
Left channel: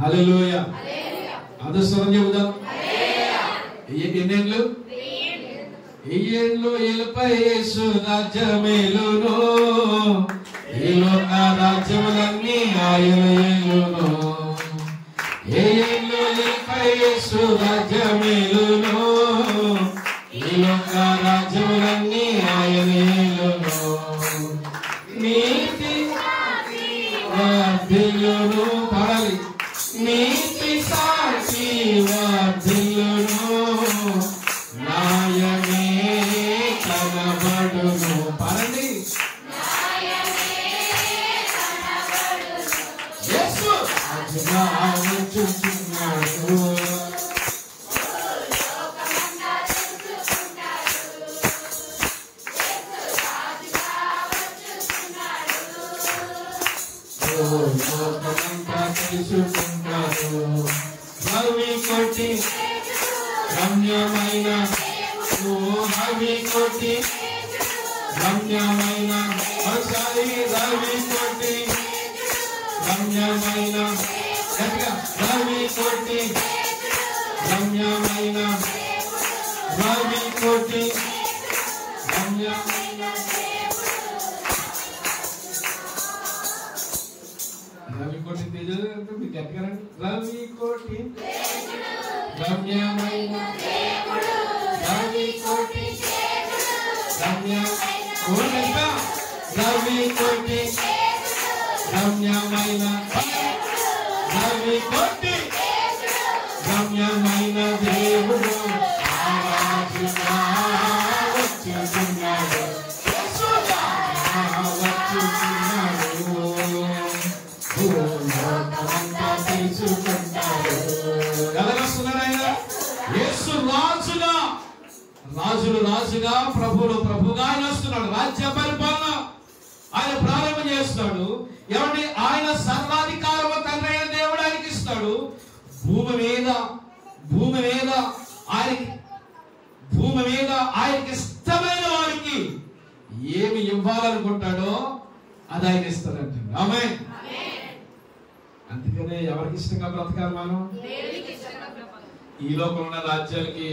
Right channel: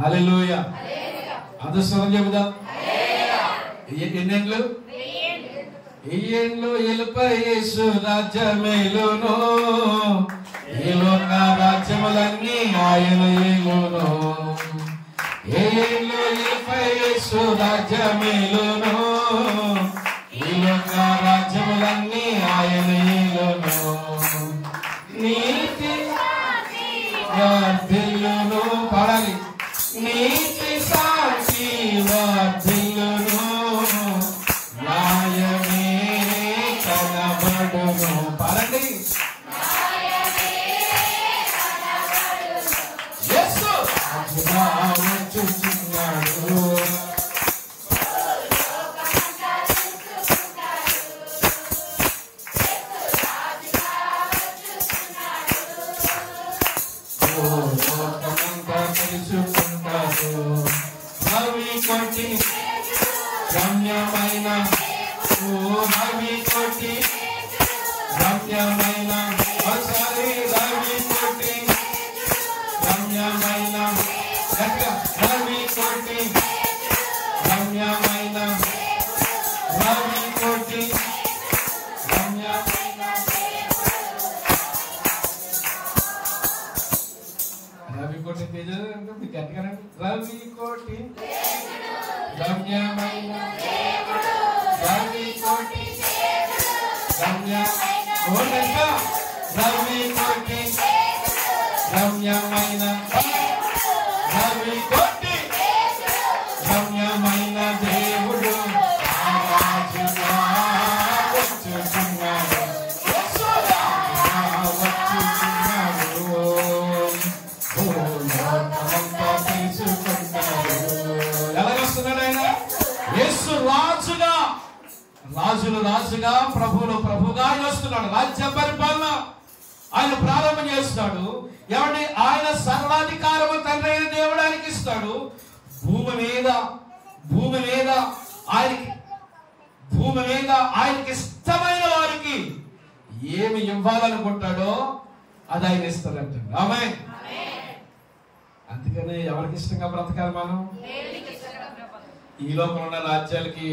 హల్లెలూయా. అదృష్టం చెబుదాం. ఎన్నేళ్ళు, ఎలుపై యేసు రాజ్యమేలును, ఈలోక రాజ్యములన్నీ ఆయన ఏలును. ఎలుపై యేసు రాజ్యమేలును, ఈలోక రాజ్యములన్నీ ఆయన ఏలును. నీతి వర్ధిల్లును, పాడాలి. నీతి సాక్షి వర్ధిల్లును, న్యాయమే కనబడును. పాడండి. యేసు వచ్చుచున్నాడు. హవికోటి రమ్యమైన, హవికోటి రమ్యమైన, ఒకసారి హవికోటి రమ్యమైన, హవికోటి రమ్యమైన, హవికోటి రమ్యమైన. రవికోటి తేజలు అంటే మీకు గట్టిగా రవికోటి రమ్యమైన, రవికోటి రమ్యమైన. ఏమంటే ఆయన సర్వాధికారము తండ్రి అయిన దేవుడు ఆయనకి ఇస్తాడు. భూమి మీద ఆయనకి ఇష్టమైన వారికి ఏమి ఇవ్వాలనుకుంటాడో అది ఆయన ఇస్తాడంట. ఆమేన్. అందుకనే ఎవరికి ఇష్టంగా బ్రతకాలి మనం? ఈ లోపల ఉన్న రాజ్యాలకి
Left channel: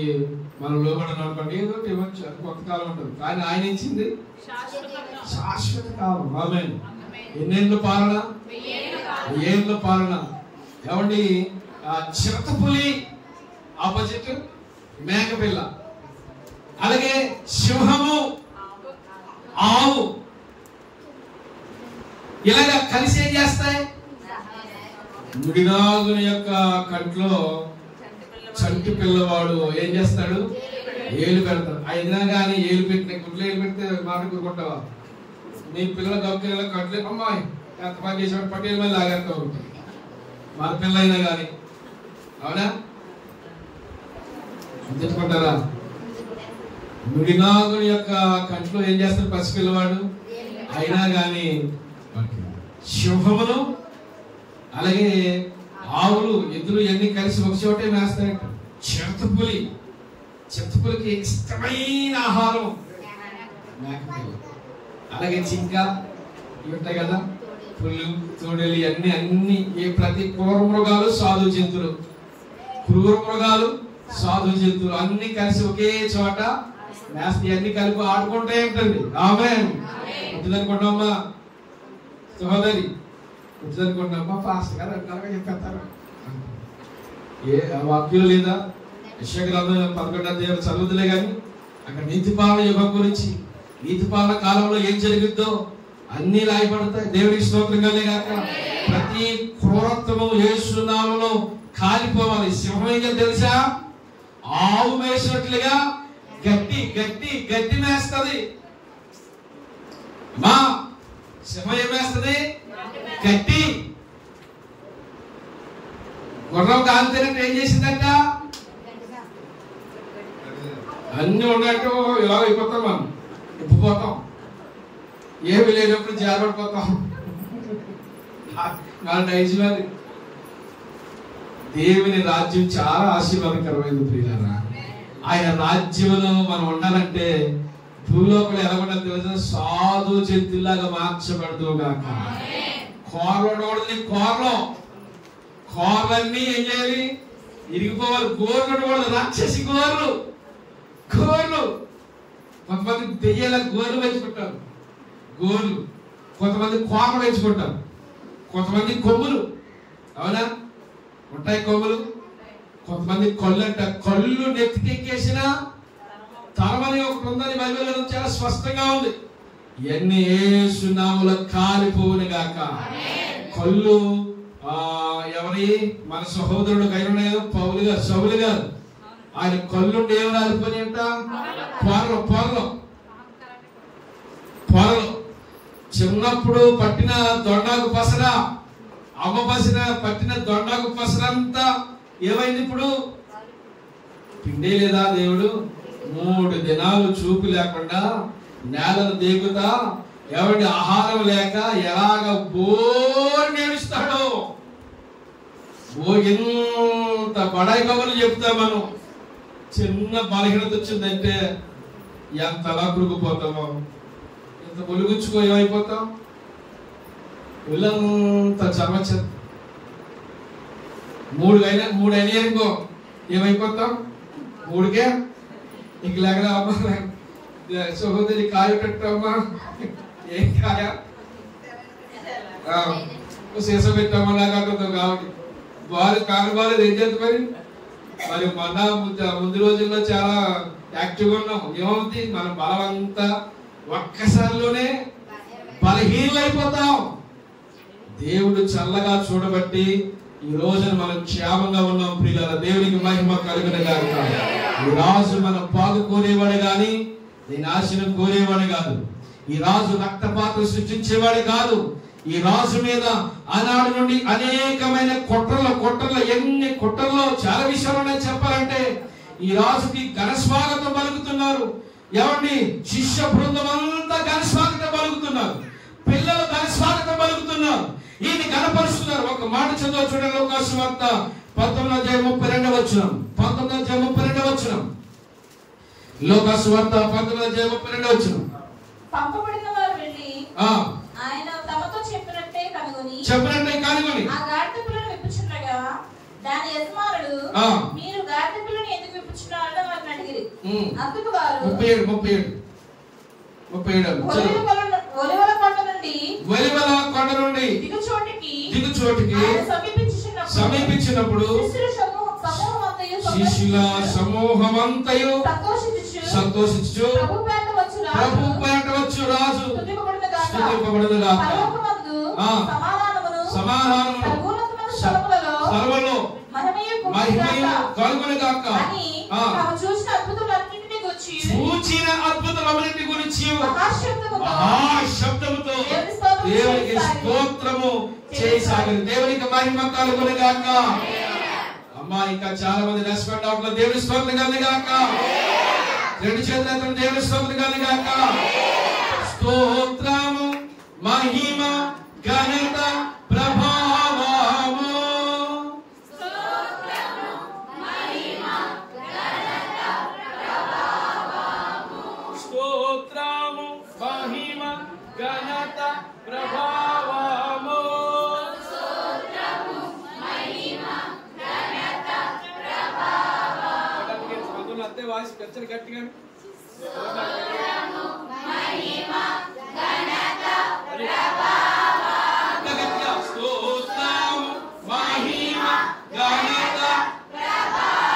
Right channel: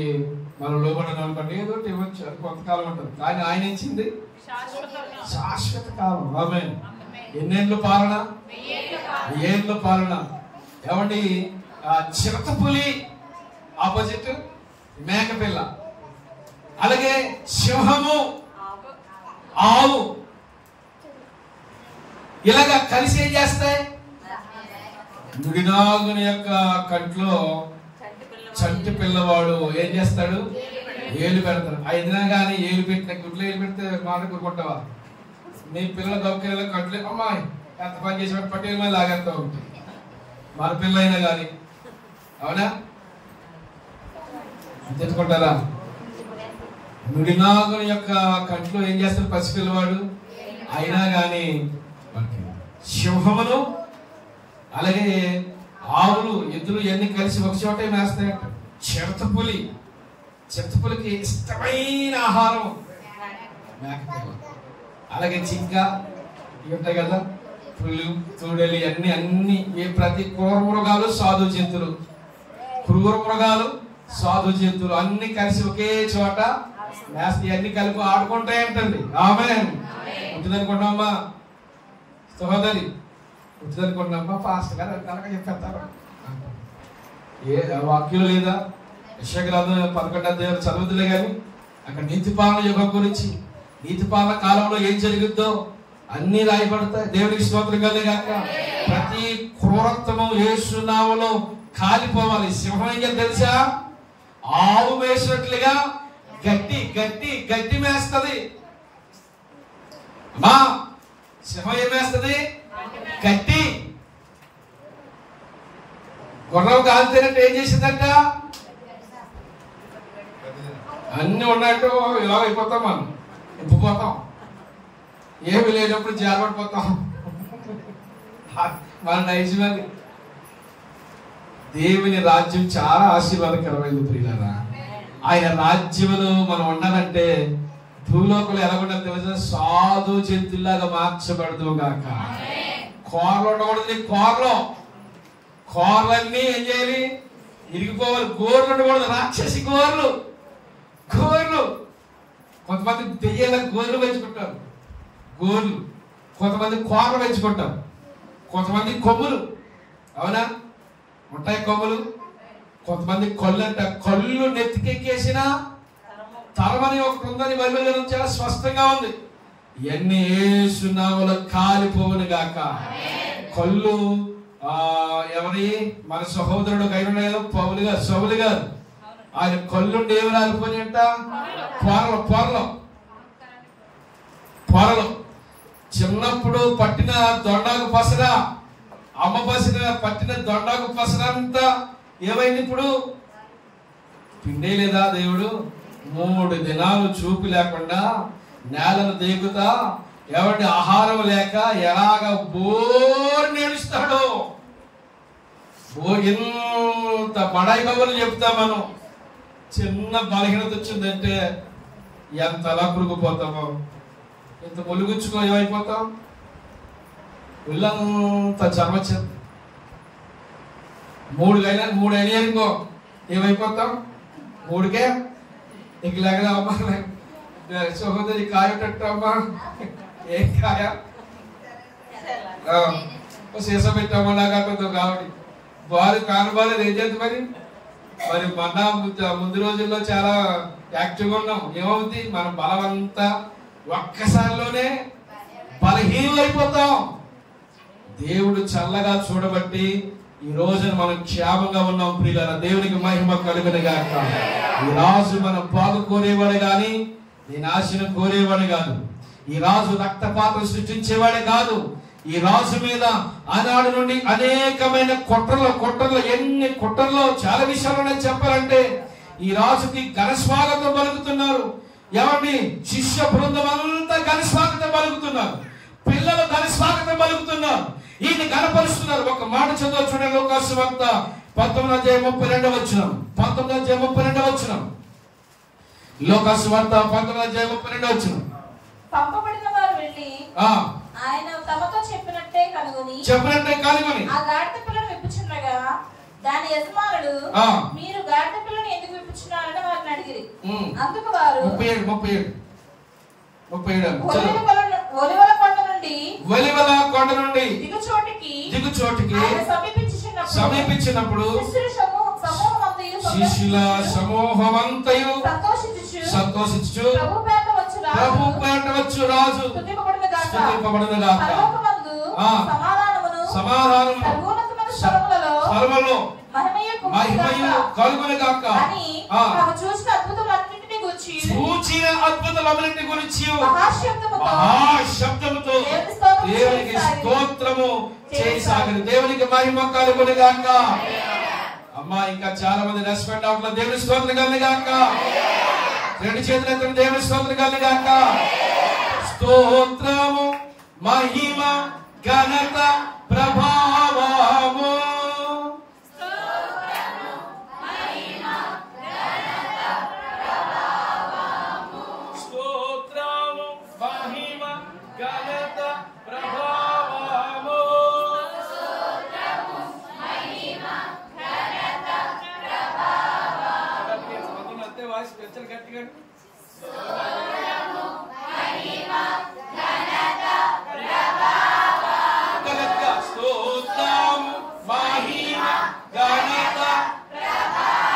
మనం లోబడి అనుకోండి, ఏదో ఇవ్వచ్చు, కొంతకాలం ఉంటుంది. కానీ ఆయన ఇచ్చింది శాశ్వత కాలం. ఆమేన్. ఎన్నేళ్ళ పాలన? 1000 ఏళ్ళ పాలన. ఏమండి, చిరుతపులి ఆపోజిట్ మేకపిల్ల, అలాగే సింహము, ఆవు ఇలాగా కలిసి ఏం చేస్తాయి? ముడినాగుని యొక్క కంట్లో చంటి పిల్లవాడు ఏం చేస్తాడు? ఏలు పెడతాడు. అయినా కానీ ఏలు పెట్టిన గుడ్లు ఏలు పెడితే మాట కూరుకుంటావా? మీ పిల్లల గొప్ప కంట్లో అమ్మాయి ఎంత పని చేసిన పట్టేలు మళ్ళీ లాగేస్తూ ఉంటుంది. మన పిల్ల అయినా కానీ, అవునా? తెచ్చుకుంటారా? ముడినాగుని యొక్క కంట్లో ఏం చేస్తాడు పసిపిల్లవాడు? అయినా కానీ సింహములు అలాగే ఆవులు, ఎద్దులు ఇవన్నీ కలిసి ఒక చోటే మేస్తాయి. చిరుతపులికి ఇష్టమైన ఆహారం మేకపిల్ల. అలాగే జింక ఇవి ఉంటాయి కదా, పుల్లు, తూడలు, అన్ని ప్రతి క్రూర మృగాలు, సాధు జంతువులు అన్ని కలిసి ఒకే చోట మేస్త, ఇవన్నీ కలిపి ఆడుకుంటాయి అంటుంది. ఆమేన్. ఉంటుందనుకుంటామా సహోదరి? ఉంటుందనుకుంటున్నామా? ఫాస్ట్ గా చెప్పేస్తారు. ఏ వాక్యం లేదా? యెషయా గ్రంథం 11వ అధ్యాయం చదువుతులే కానీ అక్కడ నీతిపాలన యుగం గురించి, నీతిపాలన కాలంలో ఏం జరుగుద్దో అన్ని రాయబడతాయి. దేవుడికి స్తోత్రం కలిగాక. ప్రతి క్రూరత్వము యేసు నామములో కాలిపోవాలి. సింహం ఏం తెలుసా? ఆవు మేసినట్లుగా గట్టి మేస్తది. మా సింహం ఏం వేస్తుంది? గట్టి. గుర్రం కాలితేనట్టు ఏం చేసిందంట? అన్ని ఉన్నట్టు ఇలా అయిపోతాం, మనం ఉప్పిపోతాం. ఏమి లేనప్పుడు జారపడిపోతాం. మన నైజమని. దేవుని రాజ్యం చాలా ఆశీర్వాదకరమైంది ప్రియులారా. ఆయన రాజ్యంలో మనం ఉండాలంటే భూలోకలు ఎలా ఉండాలి తెలుసా? సాధు జంతువులాగా మార్చబడదు గాక. కోరలో ఉండకూడదు. కోరలన్నీ ఏం చేయాలి? ఇరిగిపోవాలి. గోర్లు ఉండకూడదు. రాక్షసి గోర్లు. కొంతమంది దెయ్యాల గోర్లు పెంచుకుంటారు. కొంతమంది కోరలు పెంచుకుంటారు. కొంతమంది కొమ్ములు, అవునా? ఉంటాయి కొమ్ములు. కొంతమంది కళ్ళు నెత్తికెక్కేసిన తరమని ఒకటి ఉందని బైబిల్లో చాలా స్పష్టంగా ఉంది. ఎన్ని యేసు నామములో కాలిపోవును గాక. కళ్ళు ఎవరి? మన సహోదరుడు కైనా కదా, సౌలు గారు. ఆయన కళ్ళుండి ఏమి రాలిపోయి అంట? పొరలు. చిన్నప్పుడు పట్టిన దొండాకు పసర, అమ్మ పట్టిన దొండాకు పసరంతా ఏమైంది? ఇప్పుడు పిండే లేదా? దేవుడు 3 దినాలు చూపు లేకుండా నేలను దేగుతా, ఎవరి ఆహారం లేక ఎలాగ బోర్ నేడుస్తాడో. ఇంత బడాయి కబుర్లు చెప్తా మనం. చిన్న బలహీనత వచ్చిందంటే ఎంతలా పురుగుపోతామో, ఎంత ములుగుచ్చుకో ఏమైపోతాం? ఒళ్ళంతా చర్మచ్చం. 3 అయినాయనుకో ఏమైపోతాం? 3కే ఇంక లేక అమ్మా సహోదరి కాయటట్టు అమ్మా. ఏం కాయ? సీస పెట్టామో లాగా కావడి వారు కానబాలేదు. ఏం చేద్దాం మరి ముందు రోజుల్లో చాలా యాక్టివ్గా ఉన్నాం. ఏమవుతుంది? మన బలం అంతా ఒక్కసారిలోనే బలహీనమైపోతాం. దేవుడు చల్లగా చూడబట్టి ఈ రోజున మనం క్షేమంగా ఉన్నాం ప్రియులారా. దేవునికి మహిమ కలుగునుగాక. ఈ రాజు మనం బాగు కోరేవాడు గాని దీని ఆశను కోరేవాడు కాదు. ఈ రాజు రక్తపాతం సృష్టించేవాడు కాదు. ఈ రాజు మీద ఆనాడు నుండి అనేకమైన కుట్రలు ఎన్ని కుట్రల్లో చాలా విషయాలు చెప్పాలంటే ఈ రాజుకి ఘనస్వాగతం పలుకుతున్నారు. ఎవరిని? శిష్య బృందం అంతా ఘనస్వాగతం పలుకుతున్నారు. పిల్లలు ఘనస్వాగతం పలుకుతున్నారు. ఈయన కనపరుస్తున్నారు. ఒక మాట చదువు చూడండి. లూకాసు సువార్త 19:32. 19:32. లూకాసు సువార్త 19:32. పంపబడిన వారు వెళ్ళి ఆయన తమతో చెప్పినట్టే కనుగొని ఆ గాడిద పిల్లను విప్పుచుండగా దాని యజమానులు మీరు గాడిద పిల్లను ఎందుకు విప్పుచున్నారని వారిని అడిగిరి. అందుకు వారు 37 ఒలివల కొండ నుండి దిగుచోటికి సమీపించినప్పుడు శిష్యుల సమూహమంతయు సంతోషించు ప్రభు పేట వచ్చు రాజు స్తుతింపబడునుగాక. సమాధానమును సర్వలో మహిమయు కలుగునుగాక. చూచిన అద్భుతములన్నిటి గురించి మహాశబ్దముతో దేవునికి స్తోత్రము చేయసాగిన. దేవునికి మహిమ కలుగునుగాక. అమ్మా, ఇంకా చాలా మంది రెస్పెక్ట్ అవుతున్నారు. దేవుని స్తోత్రం కలుగునుగాక. రెండు చేతులెత్తిన దేవుని స్తోత్రం కలుగునుగాక. స్తోత్రము మహిమ ఘనత ప్రభావము స్తోత్రము మహిమ ఘనత ప్రభావము అంతే వాయిస్ పెంచాలి గట్టిగా.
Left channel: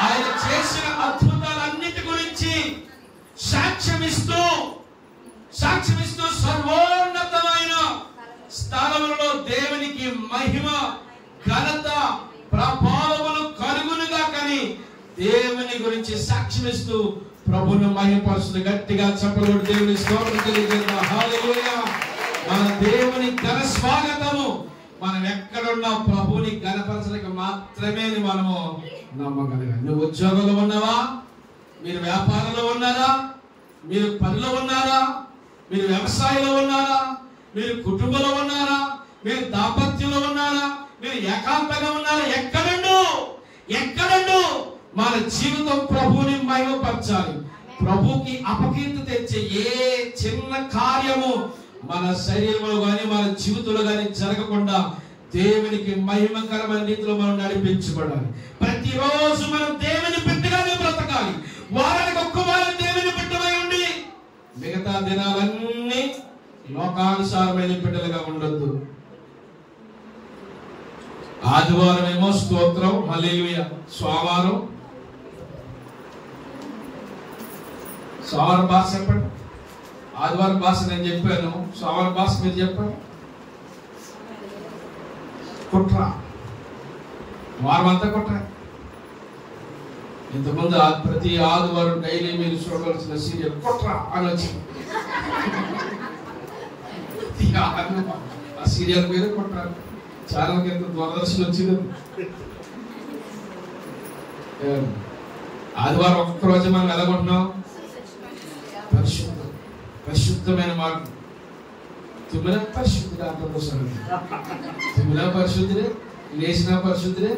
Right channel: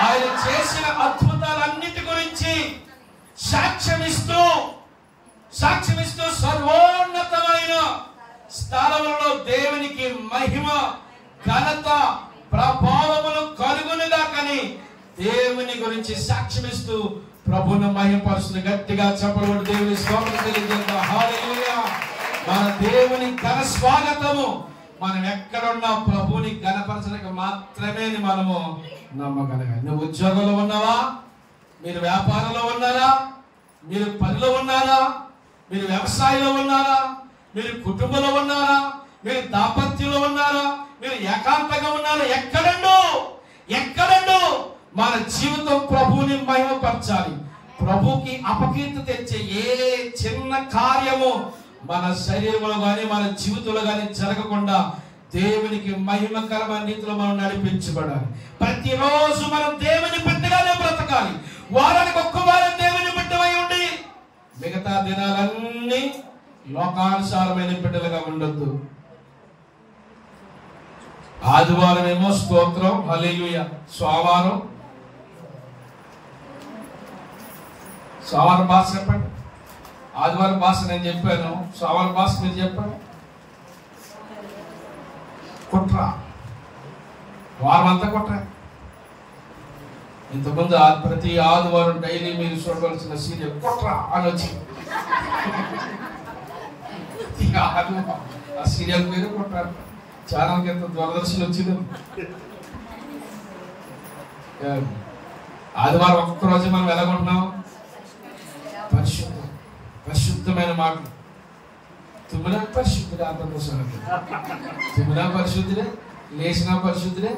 ఆయన చేసిన అద్భుతాలన్నిటి గురించి సాక్ష్యమిస్తూ సర్వోన్నతమైన స్థానములలో దేవునికి మహిమ ఘనత ప్రభావములు కలుగునుగాకని దేవుని గురించి సాక్ష్యమిస్తూ ప్రభువును మహిమపరుస్తూ గట్టిగా చెప్పబడి దేవుని స్తోత్రం తెలియజేద్దాం. హల్లెలూయా. మన దేవుని ఘన స్వాగతము. మనం ఎక్కడున్నా ప్రభువుని ఘనపరచడానికి మాత్రమే మనము నమ్మగలగాలి. నువ్వు ఉద్యోగంలో ఉన్నావా? మీరు వ్యాపారంలో ఉన్నారా? మీరు పనిలో ఉన్నారా? మీరు వ్యవసాయంలో ఉన్నారా? మీరు కుటుంబంలో ఉన్నారా? మీరు దాంపత్యంలో ఉన్నారా? మీరు ఏకాంతంగా ఉన్నారా? ఎక్కడుండు మన జీవితం ప్రభువుని మహిమపరచాలి. ప్రభుకి అపకీర్తి తెచ్చే ఏ చిన్న కార్యము మన శరీరంలో గాని మన జీవితంలో గాని జరగకుండా దేవునికి మహిమకరమైన రీతిలో మనం నడిపించబడాలి. ప్రతిరోజు మనం దేవుని బిడ్డగానే బ్రతకాలి. వారానికి ఒక్క వారం దేవుని బిడ్డమై ఉండి మిగతా దినాలన్నీ లోకానుసారమైన బిడ్డలుగా ఉండొద్దు. ఆదివారం ఏమో స్తోత్రం, హల్లెలూయా. సోమవారం భాష చెప్పండి. ఆదివారం భాష నేను చెప్పాను. సోమవారం భాష మీరు చెప్పండి. కుట్ర. వారం అంతా కుట్ర. ఇంతకుముందు ప్రతి ఆదివారం డైలీ మీరు చూడవలసిన సీరియల్ కుట్ర అని వచ్చింది. ఆ సీరియల్ పేరు కుట్ర. ఛానల్ కింద దూరదర్శన్ వచ్చింది. ఆదివారం ఒక్కరోజు మనం ఎలాగుంటున్నాం? పరిశుద్ధమైన మాట. తుమ్మినా పరిశుద్ధుడే, అంతకోసం తుమ్మినా పరిశుద్ధుడే, లేచినా పరిశుద్ధుడే,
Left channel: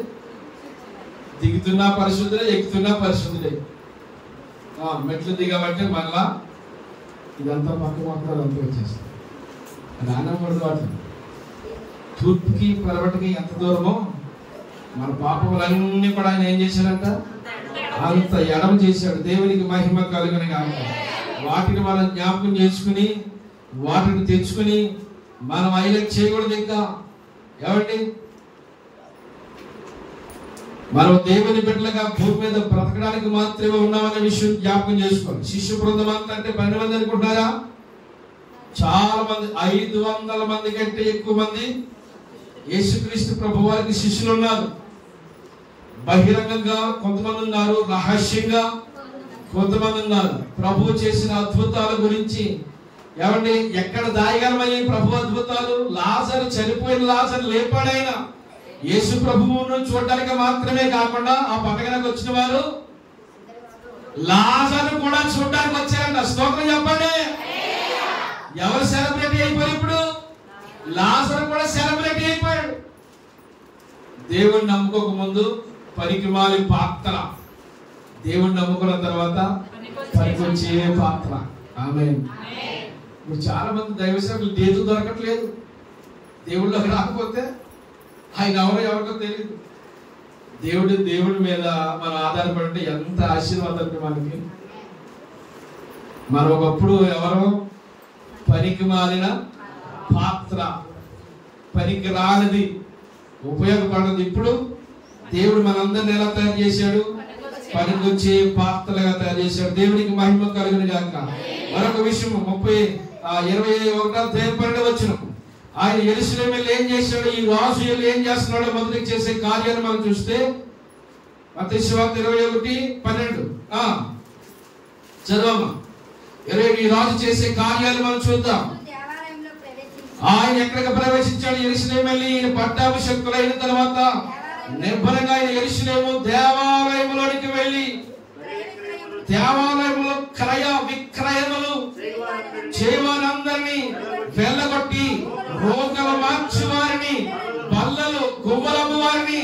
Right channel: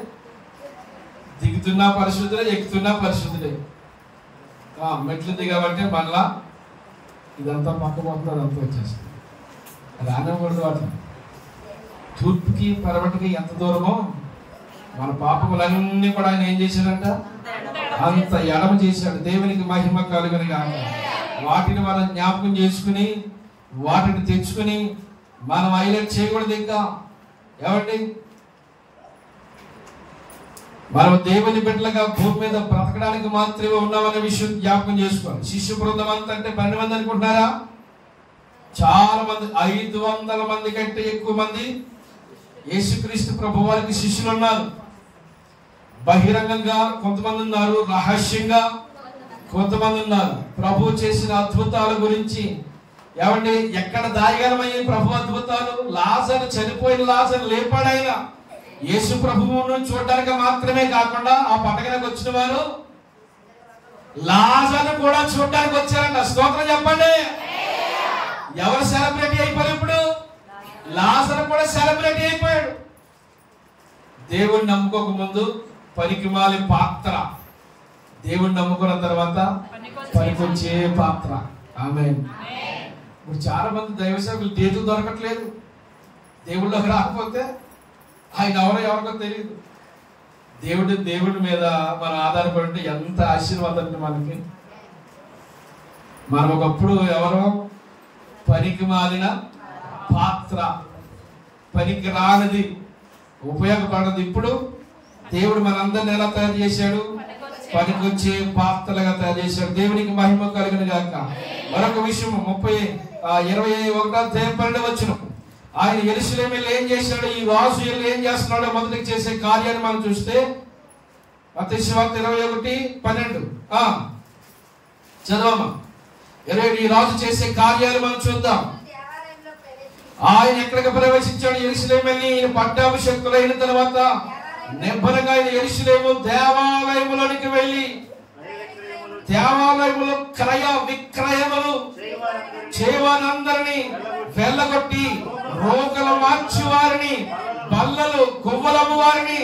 దిగుతున్నా పరిశుద్ధుడే, ఎక్కుతున్నా పరిశుద్ధుడే. మెట్లు దిగబట్టి మళ్ళా ఇదంతా పక్క మొత్తం అంతా వచ్చేస్తుంది. రానకూడదు. వాటి తూర్పుకి పరవటికి ఎంత దూరమో మన పాపములన్నీ కూడా ఆయన ఏం చేశాడంట? అంత ఎడమ చేశాడు. దేవునికి మహిమ కలుగునుగాక. వాటిని మనం జ్ఞాపకం చేసుకుని వాటిని తెచ్చుకుని మనం హైలైట్ చేయకూడదు. ఇంకా ఏమండి, మనం దేవుని బిడ్డలుగా భూమి మీద బ్రతకడానికి మాత్రమే ఉన్నామనే విషయం జ్ఞాపకం చేసుకోవాలి. శిష్య బృందం అంతా అంటే 12 మంది అనుకుంటున్నారా? చాలా మంది, 500 మంది కంటే ఎక్కువ మంది యేసుక్రీస్తు ప్రభు వారికి శిష్యులు ఉన్నారు. బహిరంగంగా కొంతమంది ఉన్నారు, రహస్యంగా కొంతమంది ఉన్నారు. ప్రభు చేసిన అద్భుతాల గురించి ఏమండి, ఎక్కడ దాయగలమయ్యే ప్రభు అద్భుతాలు? లాజరు, చనిపోయిన లాజరు లేపాడైనా. యేసు ప్రభువును చూడడానికి మాత్రమే కాకుండా ఆ పండగలకు వచ్చిన వారు లాజరు కూడా చూడడానికి వచ్చారంట. స్తోత్రం చెప్పండి. ఎవరు సెలబ్రిటీ అయిపోయారు ఇప్పుడు? లాజరు కూడా సెలబ్రిటీ అయిపోయాడు. దేవుణ్ణి నమ్ముకోక ముందు పనికిమాలి పాత్ర, దేవుణ్ణి నమ్ముకున్న తర్వాత పనికొచ్చే పాత్ర. ఆమేన్. ఇప్పుడు చాలా మంది దైవ సేవకులు దేవుడు దొరకట్లేదు. దేవుళ్ళకి రాకపోతే ఆయన ఎవరికో తెలియదు. దేవుడి మీద మనం ఆధారపడి ఎంత ఆశీర్వాదం మనకి. మనం ఒకప్పుడు ఎవరు పనికి మాలిన పాత్ర, పనికి రానిది, ఉపయోగపడదు. ఇప్పుడు దేవుడు మనందరిని ఎలా తయారు చేశాడు? పనికొచ్చే పాత్రలుగా తయారు చేశాడు. దేవునికి మహిమ కలుగును గాక. మరొక విషయం 21 ఆయన యెరూషలేము వెళ్ళి ఏం చేశాడు? ఈ రాజు వెళ్ళి ఏం చేస్తున్నాడో మొదటి చేసే కార్యాన్ని మనం చూస్తే మత్తయి సువార్త 21:12 చదవమా. ఈ రాజు చేసే కార్యాలు మనం చూద్దాం. ఆయన ఎక్కడికి ప్రవేశించాడు? యెరూషలేము వెళ్ళి పట్టాభిషేకులైన తర్వాత నిర్భయంగా యెరూషలేము దేవాలయములోనికి వెళ్ళి దేవాలయములో క్రయ విక్రయములు చేయవారందరినీ వెళ్ళగొట్టి రోకలు మార్చి వారిని, బల్లలు గుమ్మలము వారిని,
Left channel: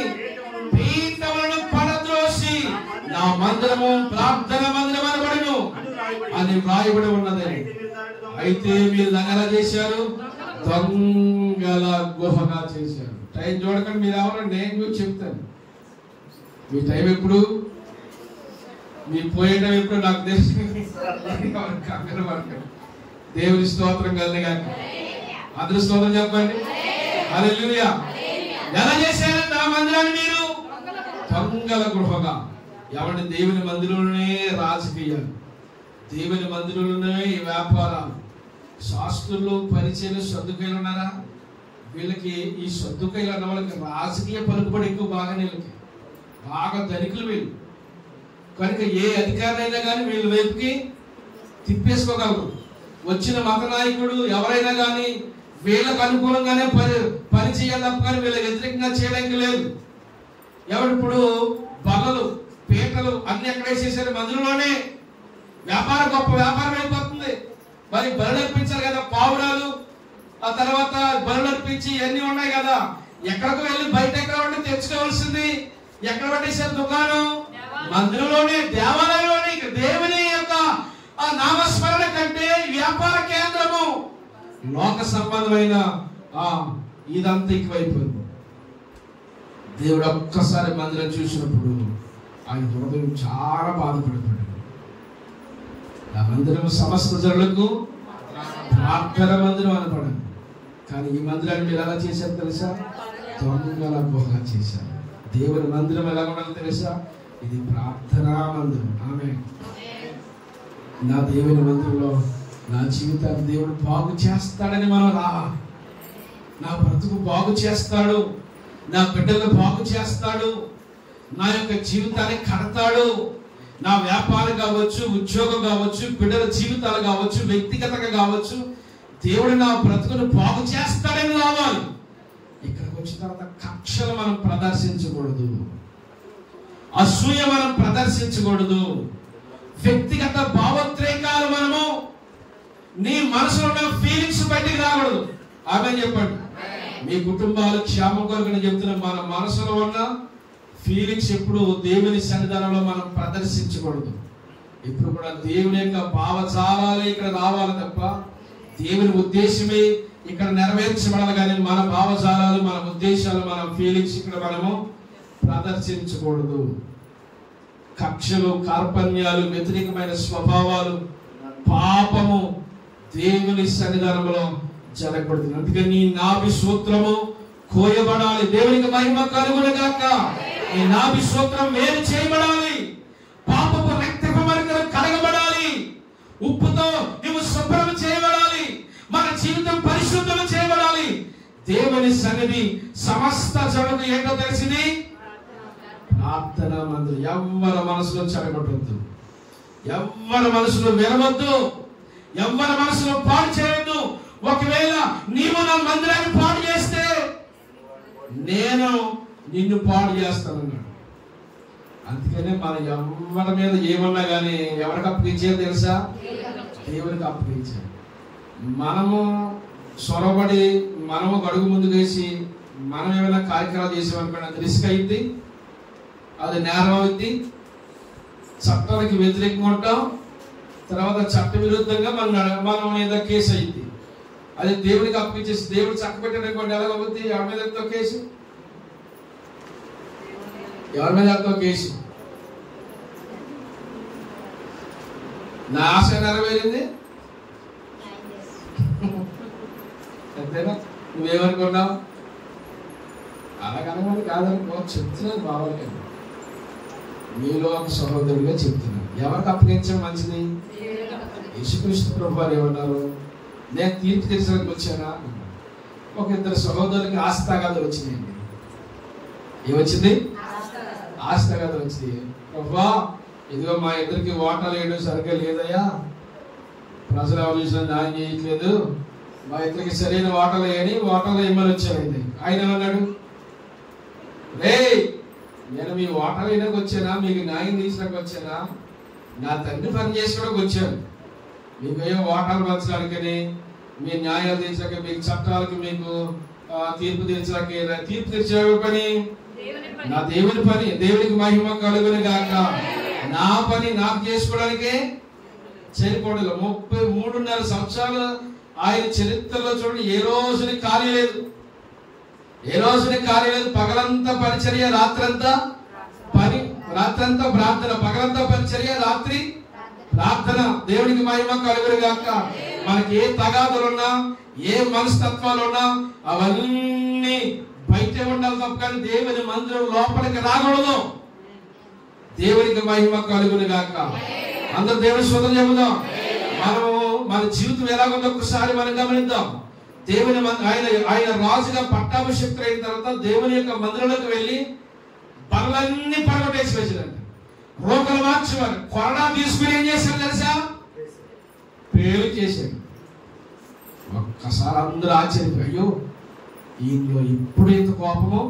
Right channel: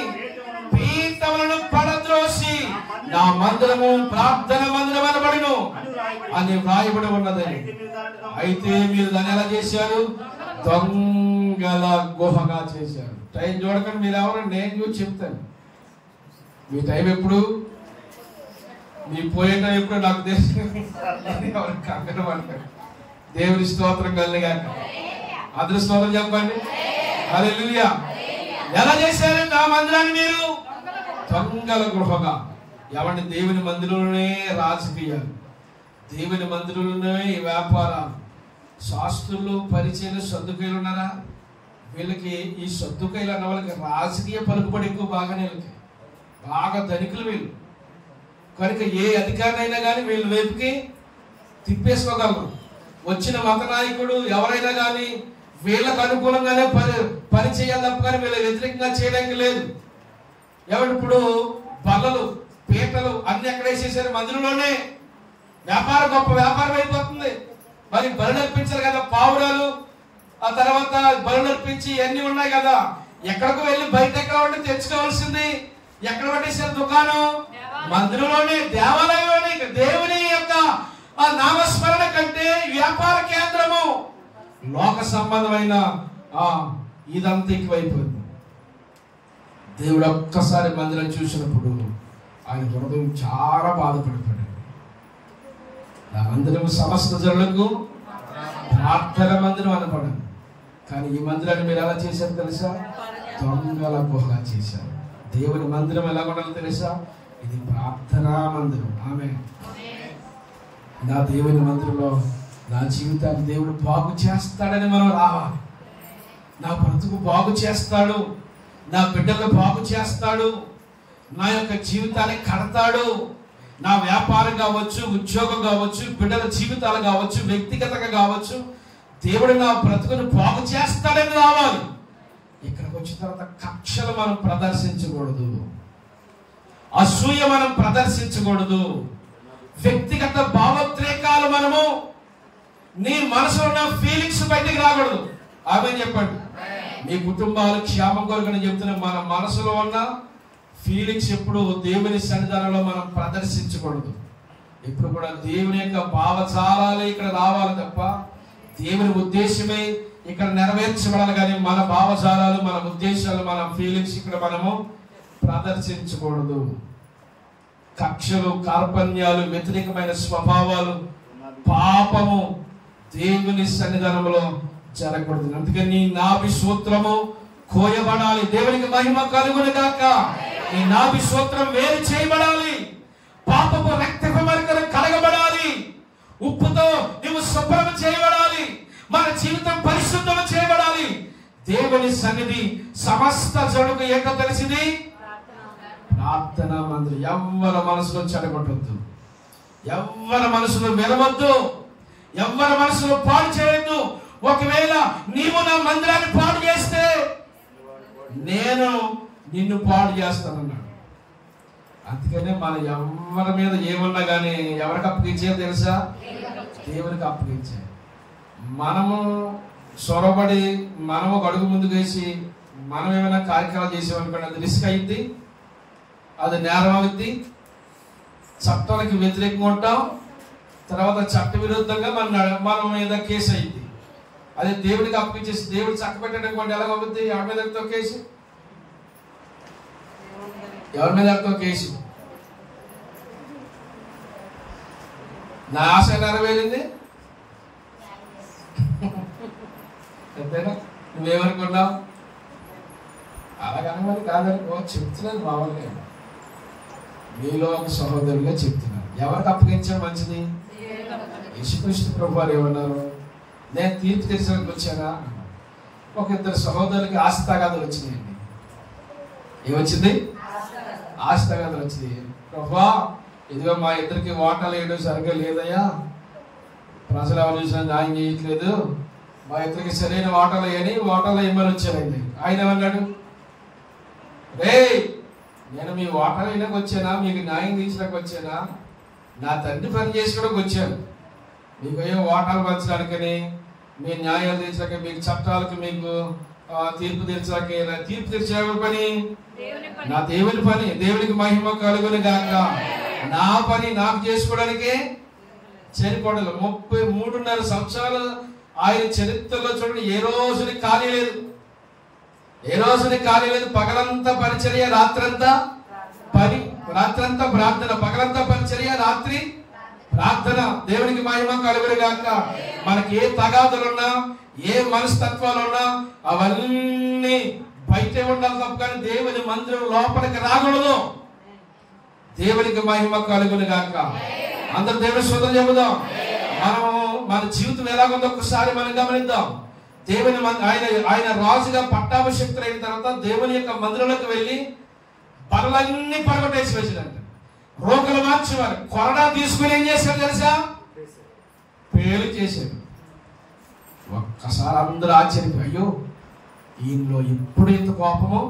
పీఠములను పడద్రోసి నా మందిరము ప్రార్థన మందిరం అనబడును అని వ్రాయబడి ఉన్నది. అయితే మీరు దాన్ని ఎలా చేశారు? దొంగల గుహగా చేశారు. టైం చూడకండి. మీరు ఎవరండి? నేను చూసి చెప్తాను. మీ టైం ఎప్పుడు, మీ పోయే టైం ఎప్పుడు నాకు తెలుసు. దేవుని స్తోత్రం కలిగాక అందరి స్తోత్రం చెప్పండి. హల్లెలూయా. ఎలా చేశారు నా మందిరాన్ని? మీరు దొంగల గృహగా. ఎవరిని? దేవుని మందిరంలోనే రాజకీయాలు, దేవుని మందిరంలోనే వ్యాపారాలు. శాస్త్రులు, పరిచయలు, సద్దుకాయలు ఉన్నారా? వీళ్ళకి ఈ సద్దుకాయలు అన్న వాళ్ళకి రాజకీయ పలుకుబడి ఎక్కువ. బాగా ధనికులు వీళ్ళు. కనుక ఏ అధికారైనా కానీ వీళ్ళు వైపుకి తిప్పేసుకోగలరు. వచ్చిన మత నాయకుడు ఎవరైనా కానీ వీళ్ళకు అనుకూలంగానే పని చేయాలి తప్ప కానీ వీళ్ళ వ్యతిరేకంగా చేయడానికి లేదు. ఇప్పుడు బల్లలు, పీటలు అన్ని ఎక్కడ వేసేసారు? మందిరంలోనే. వ్యాపారం గొప్ప వ్యాపారం అయిపోతుంది. మరి బలు నర్పించారు కదా, పావురాలు, ఆ తర్వాత బలు నర్పించి ఇవన్నీ ఉన్నాయి కదా. ఎక్కడికి వెళ్ళి బయట ఎక్కడ ఉండి తెచ్చుకోవాల్సింది? ఎక్కడ పట్టేసారు దుకాణం? మందిరంలోనే, దేవాలయంలోనే. దేవుని యొక్క ఆ నామస్మరణ కంటే వ్యాపార కేంద్రము, లోక సంబంధమైన ఇదంతా ఎక్కువైపోయింది. దేవుడు ఒక్కసారి మందిరం చూసినప్పుడు ఆయన హృదయం చాలా బాధపడిపోయాడు. మందిరం సమస్త జనులకు ప్రార్థన మందిరం అనపడదు. కానీ ఈ మందిరాన్ని మీరు ఎలా చేశారు తెలుసా? దొంగల గుహగా చేశారు. దేవుని మందిరం ఎలా ఉండాలో తెలుసా? ఇది ప్రార్థనా మందిరం. ఆమేన్. నా దేవుని మందిరంలో నా జీవితాన్ని దేవుడు బాగు చేస్తాడని మనం రావాలి. నా బ్రతుకు బాగు చేస్తాడు, నా బిడ్డలు బాగు చేస్తాడు, నా యొక్క జీవితాన్ని కడతాడు. నా వ్యాపారం కావచ్చు, ఉద్యోగం కావచ్చు, బిడ్డల జీవితాలు కావచ్చు, వ్యక్తిగతంగా కావచ్చు, దేవుడు నా బ్రతుకును బాగు చేస్తాడని రావాలి. ఇక్కడికి వచ్చిన తర్వాత కక్షలు మనం ప్రదర్శించకూడదు, అసూయ మనం ప్రదర్శించకూడదు, వ్యక్తిగత భావోద్రేకాలు మనము నీ మనసులో ఉన్న ఫీలింగ్స్ బయటికి రాకూడదు. ఆమేన్ చెప్పండి. మీ కుటుంబాలు క్షేమం కొరకు చెప్తున్న మన మనసులో ఉన్న ఫీలింగ్స్ ఎప్పుడు దేవుని సన్నిధానంలో మనం ప్రదర్శించకూడదు. ఇప్పుడు కూడా దేవుని యొక్క భావజాలాలు ఇక్కడ రావాలి తప్ప దేవుని ఉద్దేశమే ఇక్కడ నెరవేర్చబడాలి. కానీ మన భావజాలాలు, మన ఉద్దేశాలు, మన ఫీలింగ్స్ ఇక్కడ మనము ప్రదర్శించకూడదు. కక్షలు, కార్పణ్యాలు, వ్యతిరేకమైన స్వభావాలు, పాపము దేవుని సన్నిధానంలో జరగకూడదు. అందుకని నాభి సూత్రము కోయబడాలి. దేవునికి మహిమ కలుగునుగాక. ఈ నాభి సూత్రం వేరు చేయబడాలి. పాపపు రక్తపు మరకలు కడగబడాలి. ఉప్పుతో నువ్వు శుభ్రం చేయబడాలి. మన జీవితం పరిశుద్ధం చేయబడాలి. దేవుని సన్నిధి సమస్త జనులకు ఏంటో తెలిసింది? ప్రార్థనా మందిరం. ఎవరి మనసులో చెడగొట్టద్దు, ఎవరి మనసులో వినవద్దు, ఎవరి మనసులో పాడు చేయొద్దు. ఒకవేళ నీవు నా మందిరాన్ని పాడు చేస్తే నేను నిన్ను పాడు చేస్తానన్నాడు. అందుకనే మన ఎవరి మీద ఏమన్నా కానీ ఎవరికి అప్పగించారు తెలుసా? దేవునికి అప్పగించారు. మనము సొరబడి, మనము ఒక అడుగు ముందుకు వేసి మనం ఏమైనా కార్యక్రమాలు చేసేవాళ్ళకి అది రిస్క్ అయింది, అది నేరం అవుద్ది, చట్టానికి వ్యతిరేకంగా ఉంటాం, తర్వాత చట్ట విరుద్ధంగా మన మీద కేసు అయింది. అది దేవుడికి అప్పించేసి దేవుడు చట్ట పెట్టడం ఎలా అవుద్ది? ఎవరి మీద వెళ్తావు కేసు? ఎవరి మీద వెళ్తావు కేసు? నా ఆశ నెరవేరింది అంతేనా? నువ్వేమనుకున్నావు? అలాగనగా కాదనుకో, చెప్తున్నాను మామూలుగా, మీలో ఒక సహోదరుగా చెప్తున్నాను. ఎవరికి అప్పగించడం మంచిది? యేసుక్రీస్తు ప్రభువారు ఏమన్నారు? నేను తీర్పు తీర్చడానికి వచ్చానా? ఒక ఇద్దరు సహోదరులకి ఆస్తి తగాదాలు వచ్చినాయండి. ఏమొచ్చింది? ఆస్తి తగాదాలు వచ్చింది. ప్రభువా, ఇదిగో మా ఇద్దరికి ఓటలు వేయడం సరిగ్గా లేదయ్యా, ప్రజలు ఆలోచన న్యాయం చేయట్లేదు, మా ఇద్దరికి సరైన ఓటలు వేయని ఓటలు వేయమని వచ్చానండి. ఆయన అన్నాడు, రే నేను మీ ఓటలు వేయడానికి వచ్చానా, మీకు న్యాయం తీర్చడానికి వచ్చానా? నా తండ్రి పని చేసుకోవడానికి వచ్చాను. మీకు అయ్యో ఓటలు పంచడానికని, మీ న్యాయాలు తీర్చడానికి, మీకు చట్టాలకు, మీకు తీర్పు తీర్చడానికి. తీర్పు తీర్చే పని నా దేవుని పని. దేవునికి మహిమ కలుగును గాక. నా పని నాకు చేసుకోవడానికి చేరుకోవడం. 33.5 సంవత్సరాలు ఆయన చరిత్రలో చూడండి, ఏ రోజుని ఖాళీ లేదు, ఏ రోజుని ఖాళీ లేదు. పగలంతా పరిచర్య, రాత్రంతా పని, రాత్రంతా ప్రార్థన, పగలంతా పరిచర్య, రాత్రి ప్రార్థన. దేవునికి మహిమ కలుగును గాక. మనకి ఏ తగాదులున్నా, ఏ మనస్తత్వాలున్నా అవన్నీ బయట ఉండాలి తప్ప కానీ దేవుని మందిరం లోపలికి రాకూడదు. దేవునికి మహిమ కలుగును గాక. అందరూ దేవుని స్తోత్రం చెబుదాం. మనం మన జీవితం ఎలాగుందో ఒకసారి మనం గమనిద్దాం. దేవుని ఆయన రాజుగా పట్టాభిషేక్తుడు అయిన తర్వాత దేవుని యొక్క మందిరంలోకి వెళ్ళి పనులన్నీ పడగొట్టేసి వేసాడంట. రోగులు మార్చేవారు. కొరడా తీసుకుని ఏం చేశారు తెలుసా? పేరు చేశారు. ఒక్కసారి అందరూ ఆశ్చర్యపోయారు. ఈయనలో ఎప్పుడు ఇంత కోపమో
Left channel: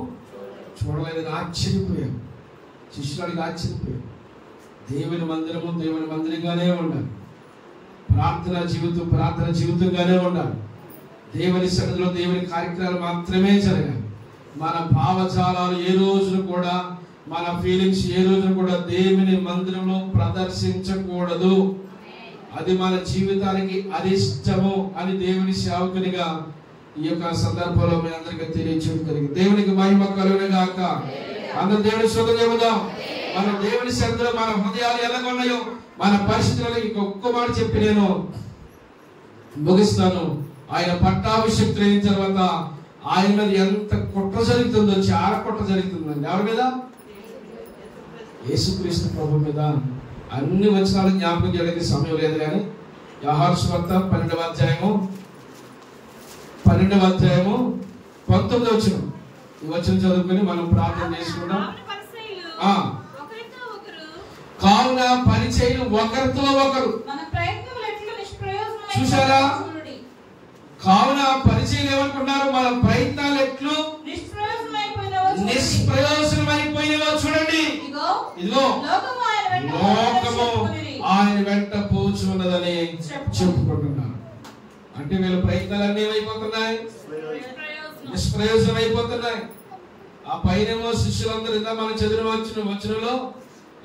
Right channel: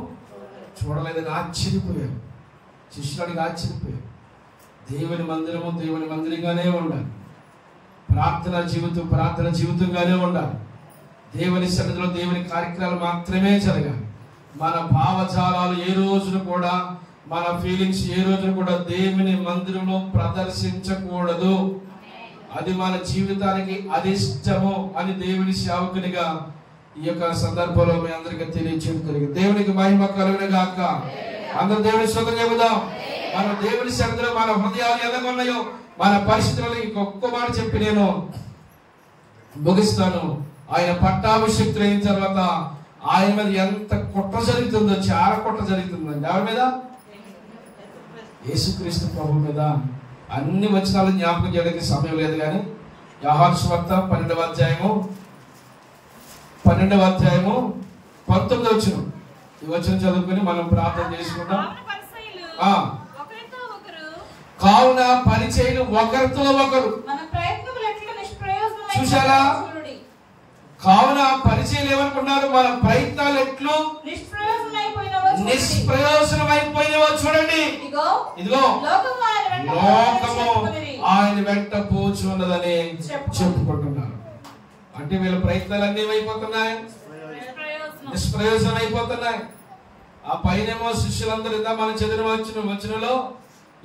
చూడలేదని ఆశ్చర్యపోయారు. శిష్యుడికి ఆశ్చర్యపోయారు. దేవుని మందిరము దేవుని మందిరంగానే ఉండాలి. ప్రార్థన జీవితంగానే ఉండాలి. దేవుని సన్నిధిలో దేవుని కార్యక్రమాలు మాత్రమే జరగాలి. మన భావజాలాలు ఏ రోజును కూడా, మన ఫీలింగ్స్ ఏ రోజును కూడా దేవుని మందిరంలో ప్రదర్శించకూడదు. అది మన జీవితానికి అదిష్టము అని దేవుని సేవకునిగా ఈ యొక్క సందర్భంలో మీ అందరికీ తెలియజేయగలిగి దేవునికి మహిమ కలుగును గాక. అందరూ దేవుని స్తోత్రం చెబుదాం. మన దేవుని సన్నిధిలో మన హృదయాలు ఎలా ఉన్నాయో, మన పరిస్థితులకి ఒక్క మాట చెప్పి నేను ముగిస్తాను. ఆయన పట్టాభిషేక్తుడు అయిన తర్వాత ఆయన మీద ఎంత కుట్ర జరుగుతుందో, చాలా కుట్ర జరుగుతుందండి. ఎవరి మీద? యేసుక్రీస్తు ప్రభు మీద. అన్ని వచనాలు జ్ఞాపకం చేయడానికి సమయం లేదు కానీ యోహాను సువార్త 12వ అధ్యాయము 19వ వచనం, ఈ వచనం చదువుకుని మనం ప్రార్థన చేసుకుందాం. కావున పరిచయులు ఒకరితో ఒకరు. చూసారా? కావున పరిచయులు ఏమనుకున్నారు? మన ప్రయత్నాలు ఎట్లు నిష్ప్రయోజనమైపోయినవో చూడండి. ఇదిగో లోకము ఆయన వెంట పోచున్నదని చెప్పుకుంటున్నారు. అంటే వీళ్ళ ప్రయత్నాలన్నీ ఏమైపోతున్నాయి? నిష్ప్రయోజనం అయిపోతున్నాయి. ఆ పైనేమో శిష్యులందరూ ఇంకా మనం చదివిన వచనంలో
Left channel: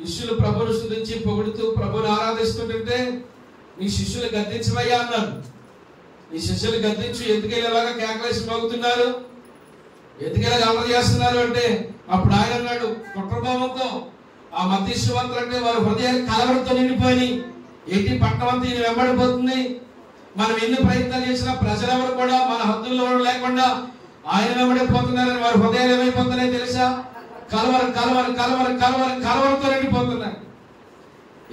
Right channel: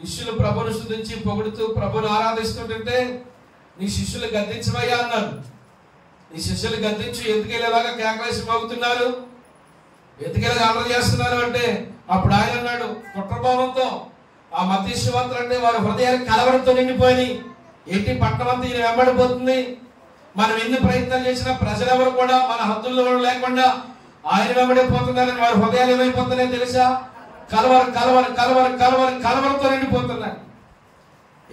శిష్యులు ప్రభుని స్తుతించి పొగుడుతూ ప్రభుని ఆరాధిస్తుంటే నీ శిష్యులు గద్దించవయ్యా అన్నారు. నీ శిష్యులు గద్దించి ఎందుకెళ్ళేలాగా కేకలేసి మోగుతున్నారు, ఎందుకెళ్ళగా అల్లరి చేస్తున్నారు అంటే అప్పుడు ఆయన అన్నాడు కుట్రభావంతో, ఆ మధ్యశివంతులు అంటే వారి హృదయాలు కలవడంతో నిండిపోయి ఏంటి పట్టణం అంతా ఈయన వెంబడిపోతుంది. మనం ఎన్ని ప్రయత్నాలు చేసినా ప్రజలెవరు కూడా మన హద్దుల్లో లేకుండా ఆయన వెంబడిపోతున్నారని వారి హృదయాలు ఏమైపోతున్నాయో తెలుసా? కలవరంతో నిండిపోతున్నాయి.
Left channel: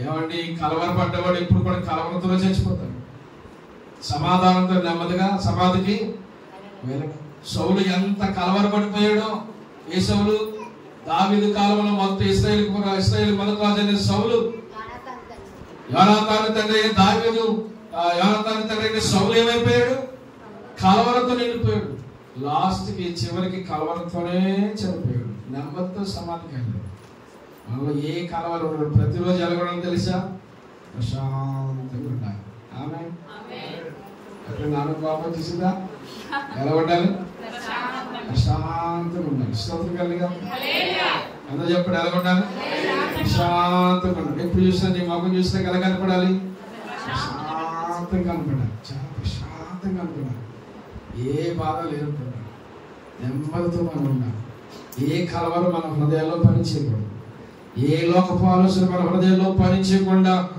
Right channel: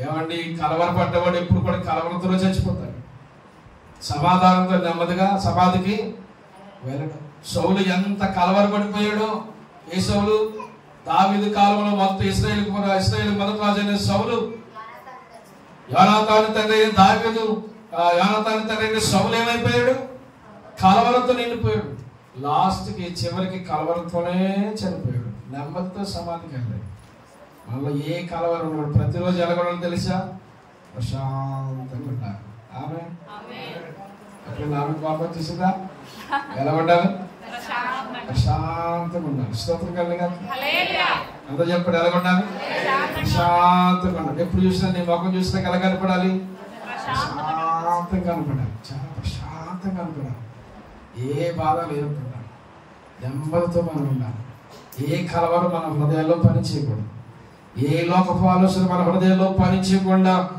ఏమండి, కలవరపడ్డవాడు ఎప్పుడు కూడా కలవరంతో చచ్చిపోతాడు. సమాధానంతో నెమ్మదిగా సమాధికి వెళ్ళడం. సౌలు ఎంత కలవరపడిపోయాడో. ఏ సౌలు? దావీదు కాలంలో మొత్తం ఇశ్రాయేలు మొదటి రాజు అయిన సౌలు, యోనాతాను తండ్రి అయిన దావీదు, యోనాతాను తండ్రి అయిన సౌలు ఏమైపోయాడు? కలవరంతో నిండిపోయాడు. లాస్ట్కి చివరికి కలవరంతోనే చనిపోయాడు. నెమ్మదితో సమాధికి వెళ్ళాడు. మనలో ఏ కలవరం కూడా ప్రతిరోజు ఎలాగొనాలి తెలుసా? ప్రశాంతంగా ఉండాలి. ఆమె అప్పుడు నాకు కోపం చూసిందా? ఎలా ఉండాలి? ప్రశాంతంగా ప్రశాంతంగా ఉండాలి. స్తోత్రం కలిగా అందరూ చెప్పండి. ఎలా ఉండాలి? ప్రశాంతంగా ఉండాలి. ఎప్పుడు చూసినా నీ ముఖం చూసినా ఎలా కనపడాలి? ప్రశాంతంగా కనపడాలి. చాలా ప్రశాంతంగా కనపడాలి. ఏ బాధ లేకుండా నెమ్మదితో మనం ఉండాలి. ఏ కలవరం మన హృదయంలో పని చేయకూడదు. ఏ లోకపు ఆలోచన మన హృదయంలో పని చేయకుండా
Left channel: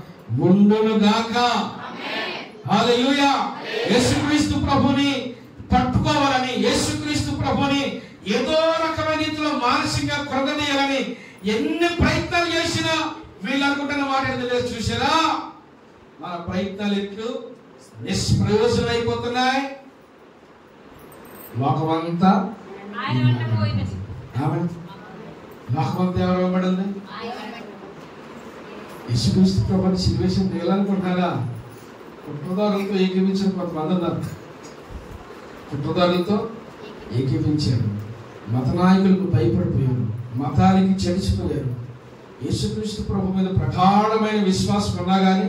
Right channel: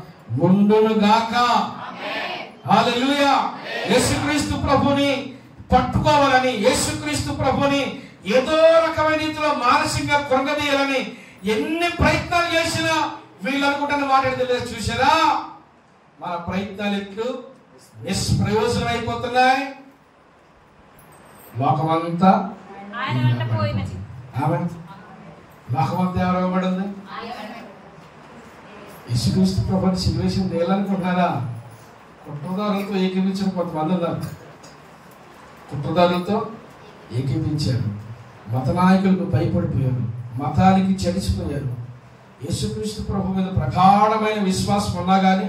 ఉండును గాక. హల్లెలూయా. యేసుక్రీస్తు ప్రభుని పట్టుకోవాలని, యేసుక్రీస్తు ప్రభుని ఏదో రకమైన రీతిలో మానసికంగా కృంగదీయాలని ఎన్ని ప్రయత్నాలు చేసినా వీళ్ళు అనుకుంటున్న మాట చూసారా? మన ప్రయత్నాలు ఎప్పుడు నిష్ప్రయోజనం అయిపోతున్నాయి. లోకమంతా లోకమంతా ఎవరు ఇవ్వబడింది? యేసుక్రీస్తు ప్రభుని సిల్వేషన్ చేయాలనుకుంటున్నారా? కుట్రదారులతో ఏకీపించిన కొంతమంది ఉన్నారు. కుట్రదారులతో ఏకీపించారు. మత నాయకులకు భయపడిపోయారు. మతానికి చడిచిపోయారు. యేసుక్రీస్తు ప్రభు మీద ప్రగాఢమైన విశ్వాసం ఉన్నా కానీ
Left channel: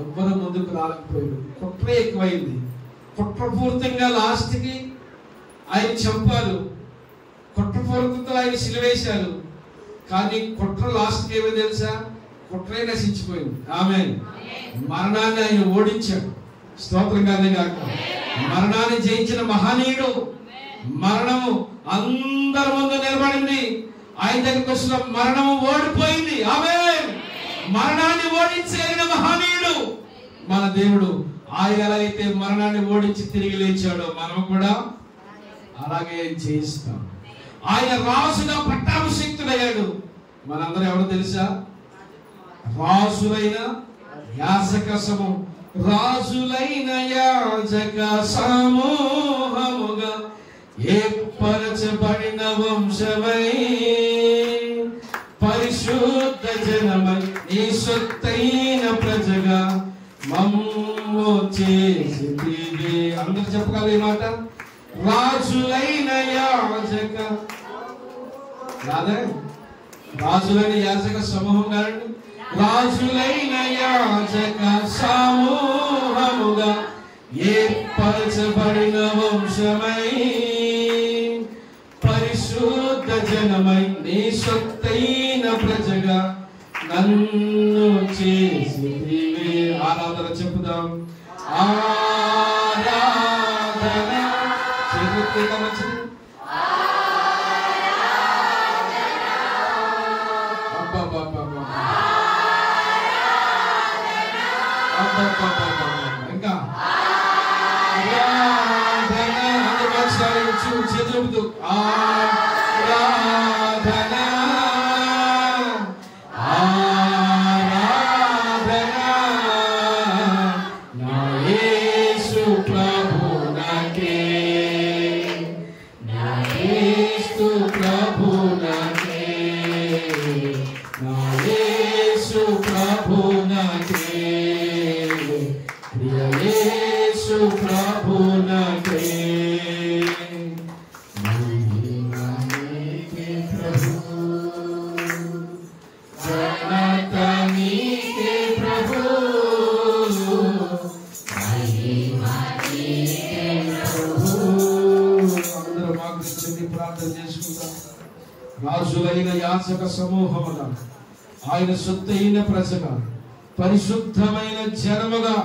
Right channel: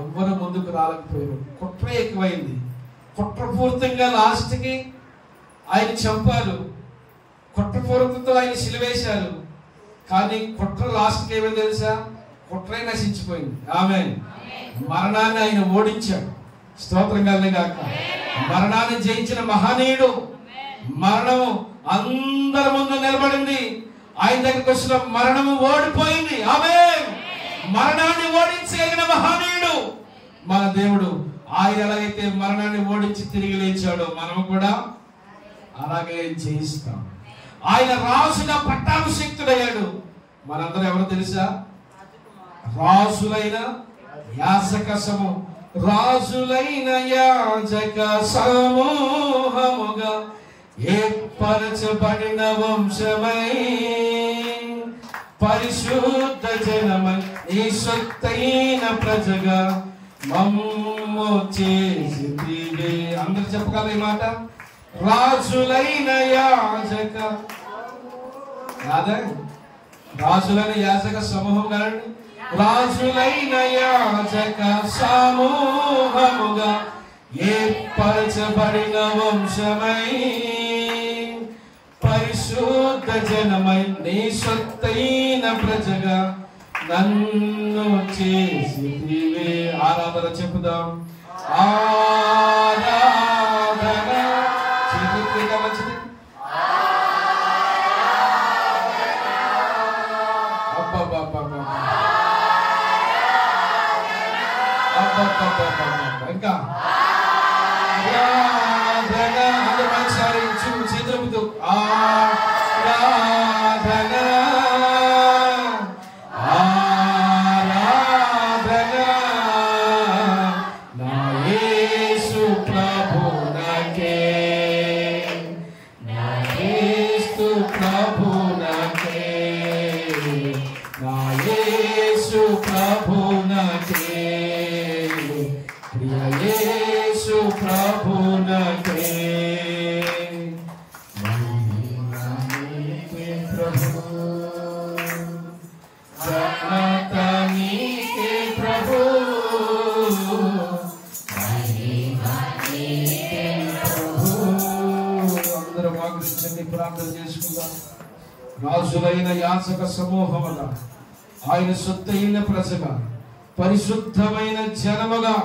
ఎవ్వరు ముందుకు రాలేకపోయారు. కుట్ర ఎక్కువైంది. కుట్రపూర్తంగా లాస్ట్కి ఆయన చంపారు. కుట్రపూర్వకంతో ఆయన సిలువేశారు. కానీ కుట్ర లాస్ట్కి ఏమో తెలుసా? కుట్రే నశించిపోయింది. ఆమేన్. మరణాన్ని ఆయన ఓడించాడు. స్తోత్రం కలిగాక. మరణాన్ని జయించిన మహనీయుడు. మరణము అందరి ముందు నిలబడింది. ఆయన దగ్గరికి వచ్చిన మరణము ఓడిపోయింది. ఆమేన్. మరణాన్ని ఓడించగలిగిన మహనీయుడు మన దేవుడు. ఆయన ఎలా అయితే మరణాన్ని ఓడించి తిరిగి లేచాడో మనం కూడా అలాగే జయిస్తాం. ఆయన రాజుగా పట్టాభిషిక్తుడయ్యాడు. మనందరూ ఎవరు తెలుసా? రాజులైన యాజక సమూహం. రాజులైన యాజక సమూహముగా ఏర్పరచబడిన వంశమై పరిశుద్ధ జనమై నీ సొత్తైన ప్రజగా మమ్ము చేసితివే. అందరూ చెప్పగల ఈ మాట. రాజులైన యాజక రాజులైన యాజక సమూహం గారు. రాజులైన యాజక సమూహముగా ఏర్పరచబడిన వంశమై పరిశుద్ధ జనమై నీ సొత్తైన ప్రజగా నన్ను చేసితివే. ఆరాధన చెప్పుదాం. ఆరాధన చేతులుగా మంచిది. ఇంకా చేతులు ఆరాధన ఆరాధన నా యేసు ప్రభునకే, నా యేసు ప్రభునకే, నా యేసు ప్రభునకే, ప్రియ యేసు ప్రభునకే. రాజులైన యాజక సమూహముగా ఆయన సొత్తైన ప్రజగా పరిశుద్ధమైన జనముగా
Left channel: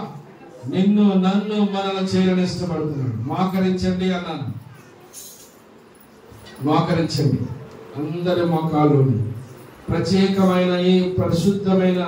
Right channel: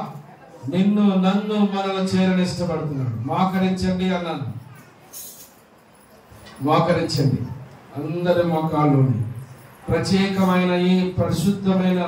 నిన్ను నన్ను మనల చేరనిష్టపడుతున్నాడు. మోకరించండి అన్నాను. మోకరించండి అందరి మోకాళ్ళు. ప్రత్యేకమైన ఈ పరిశుద్ధమైన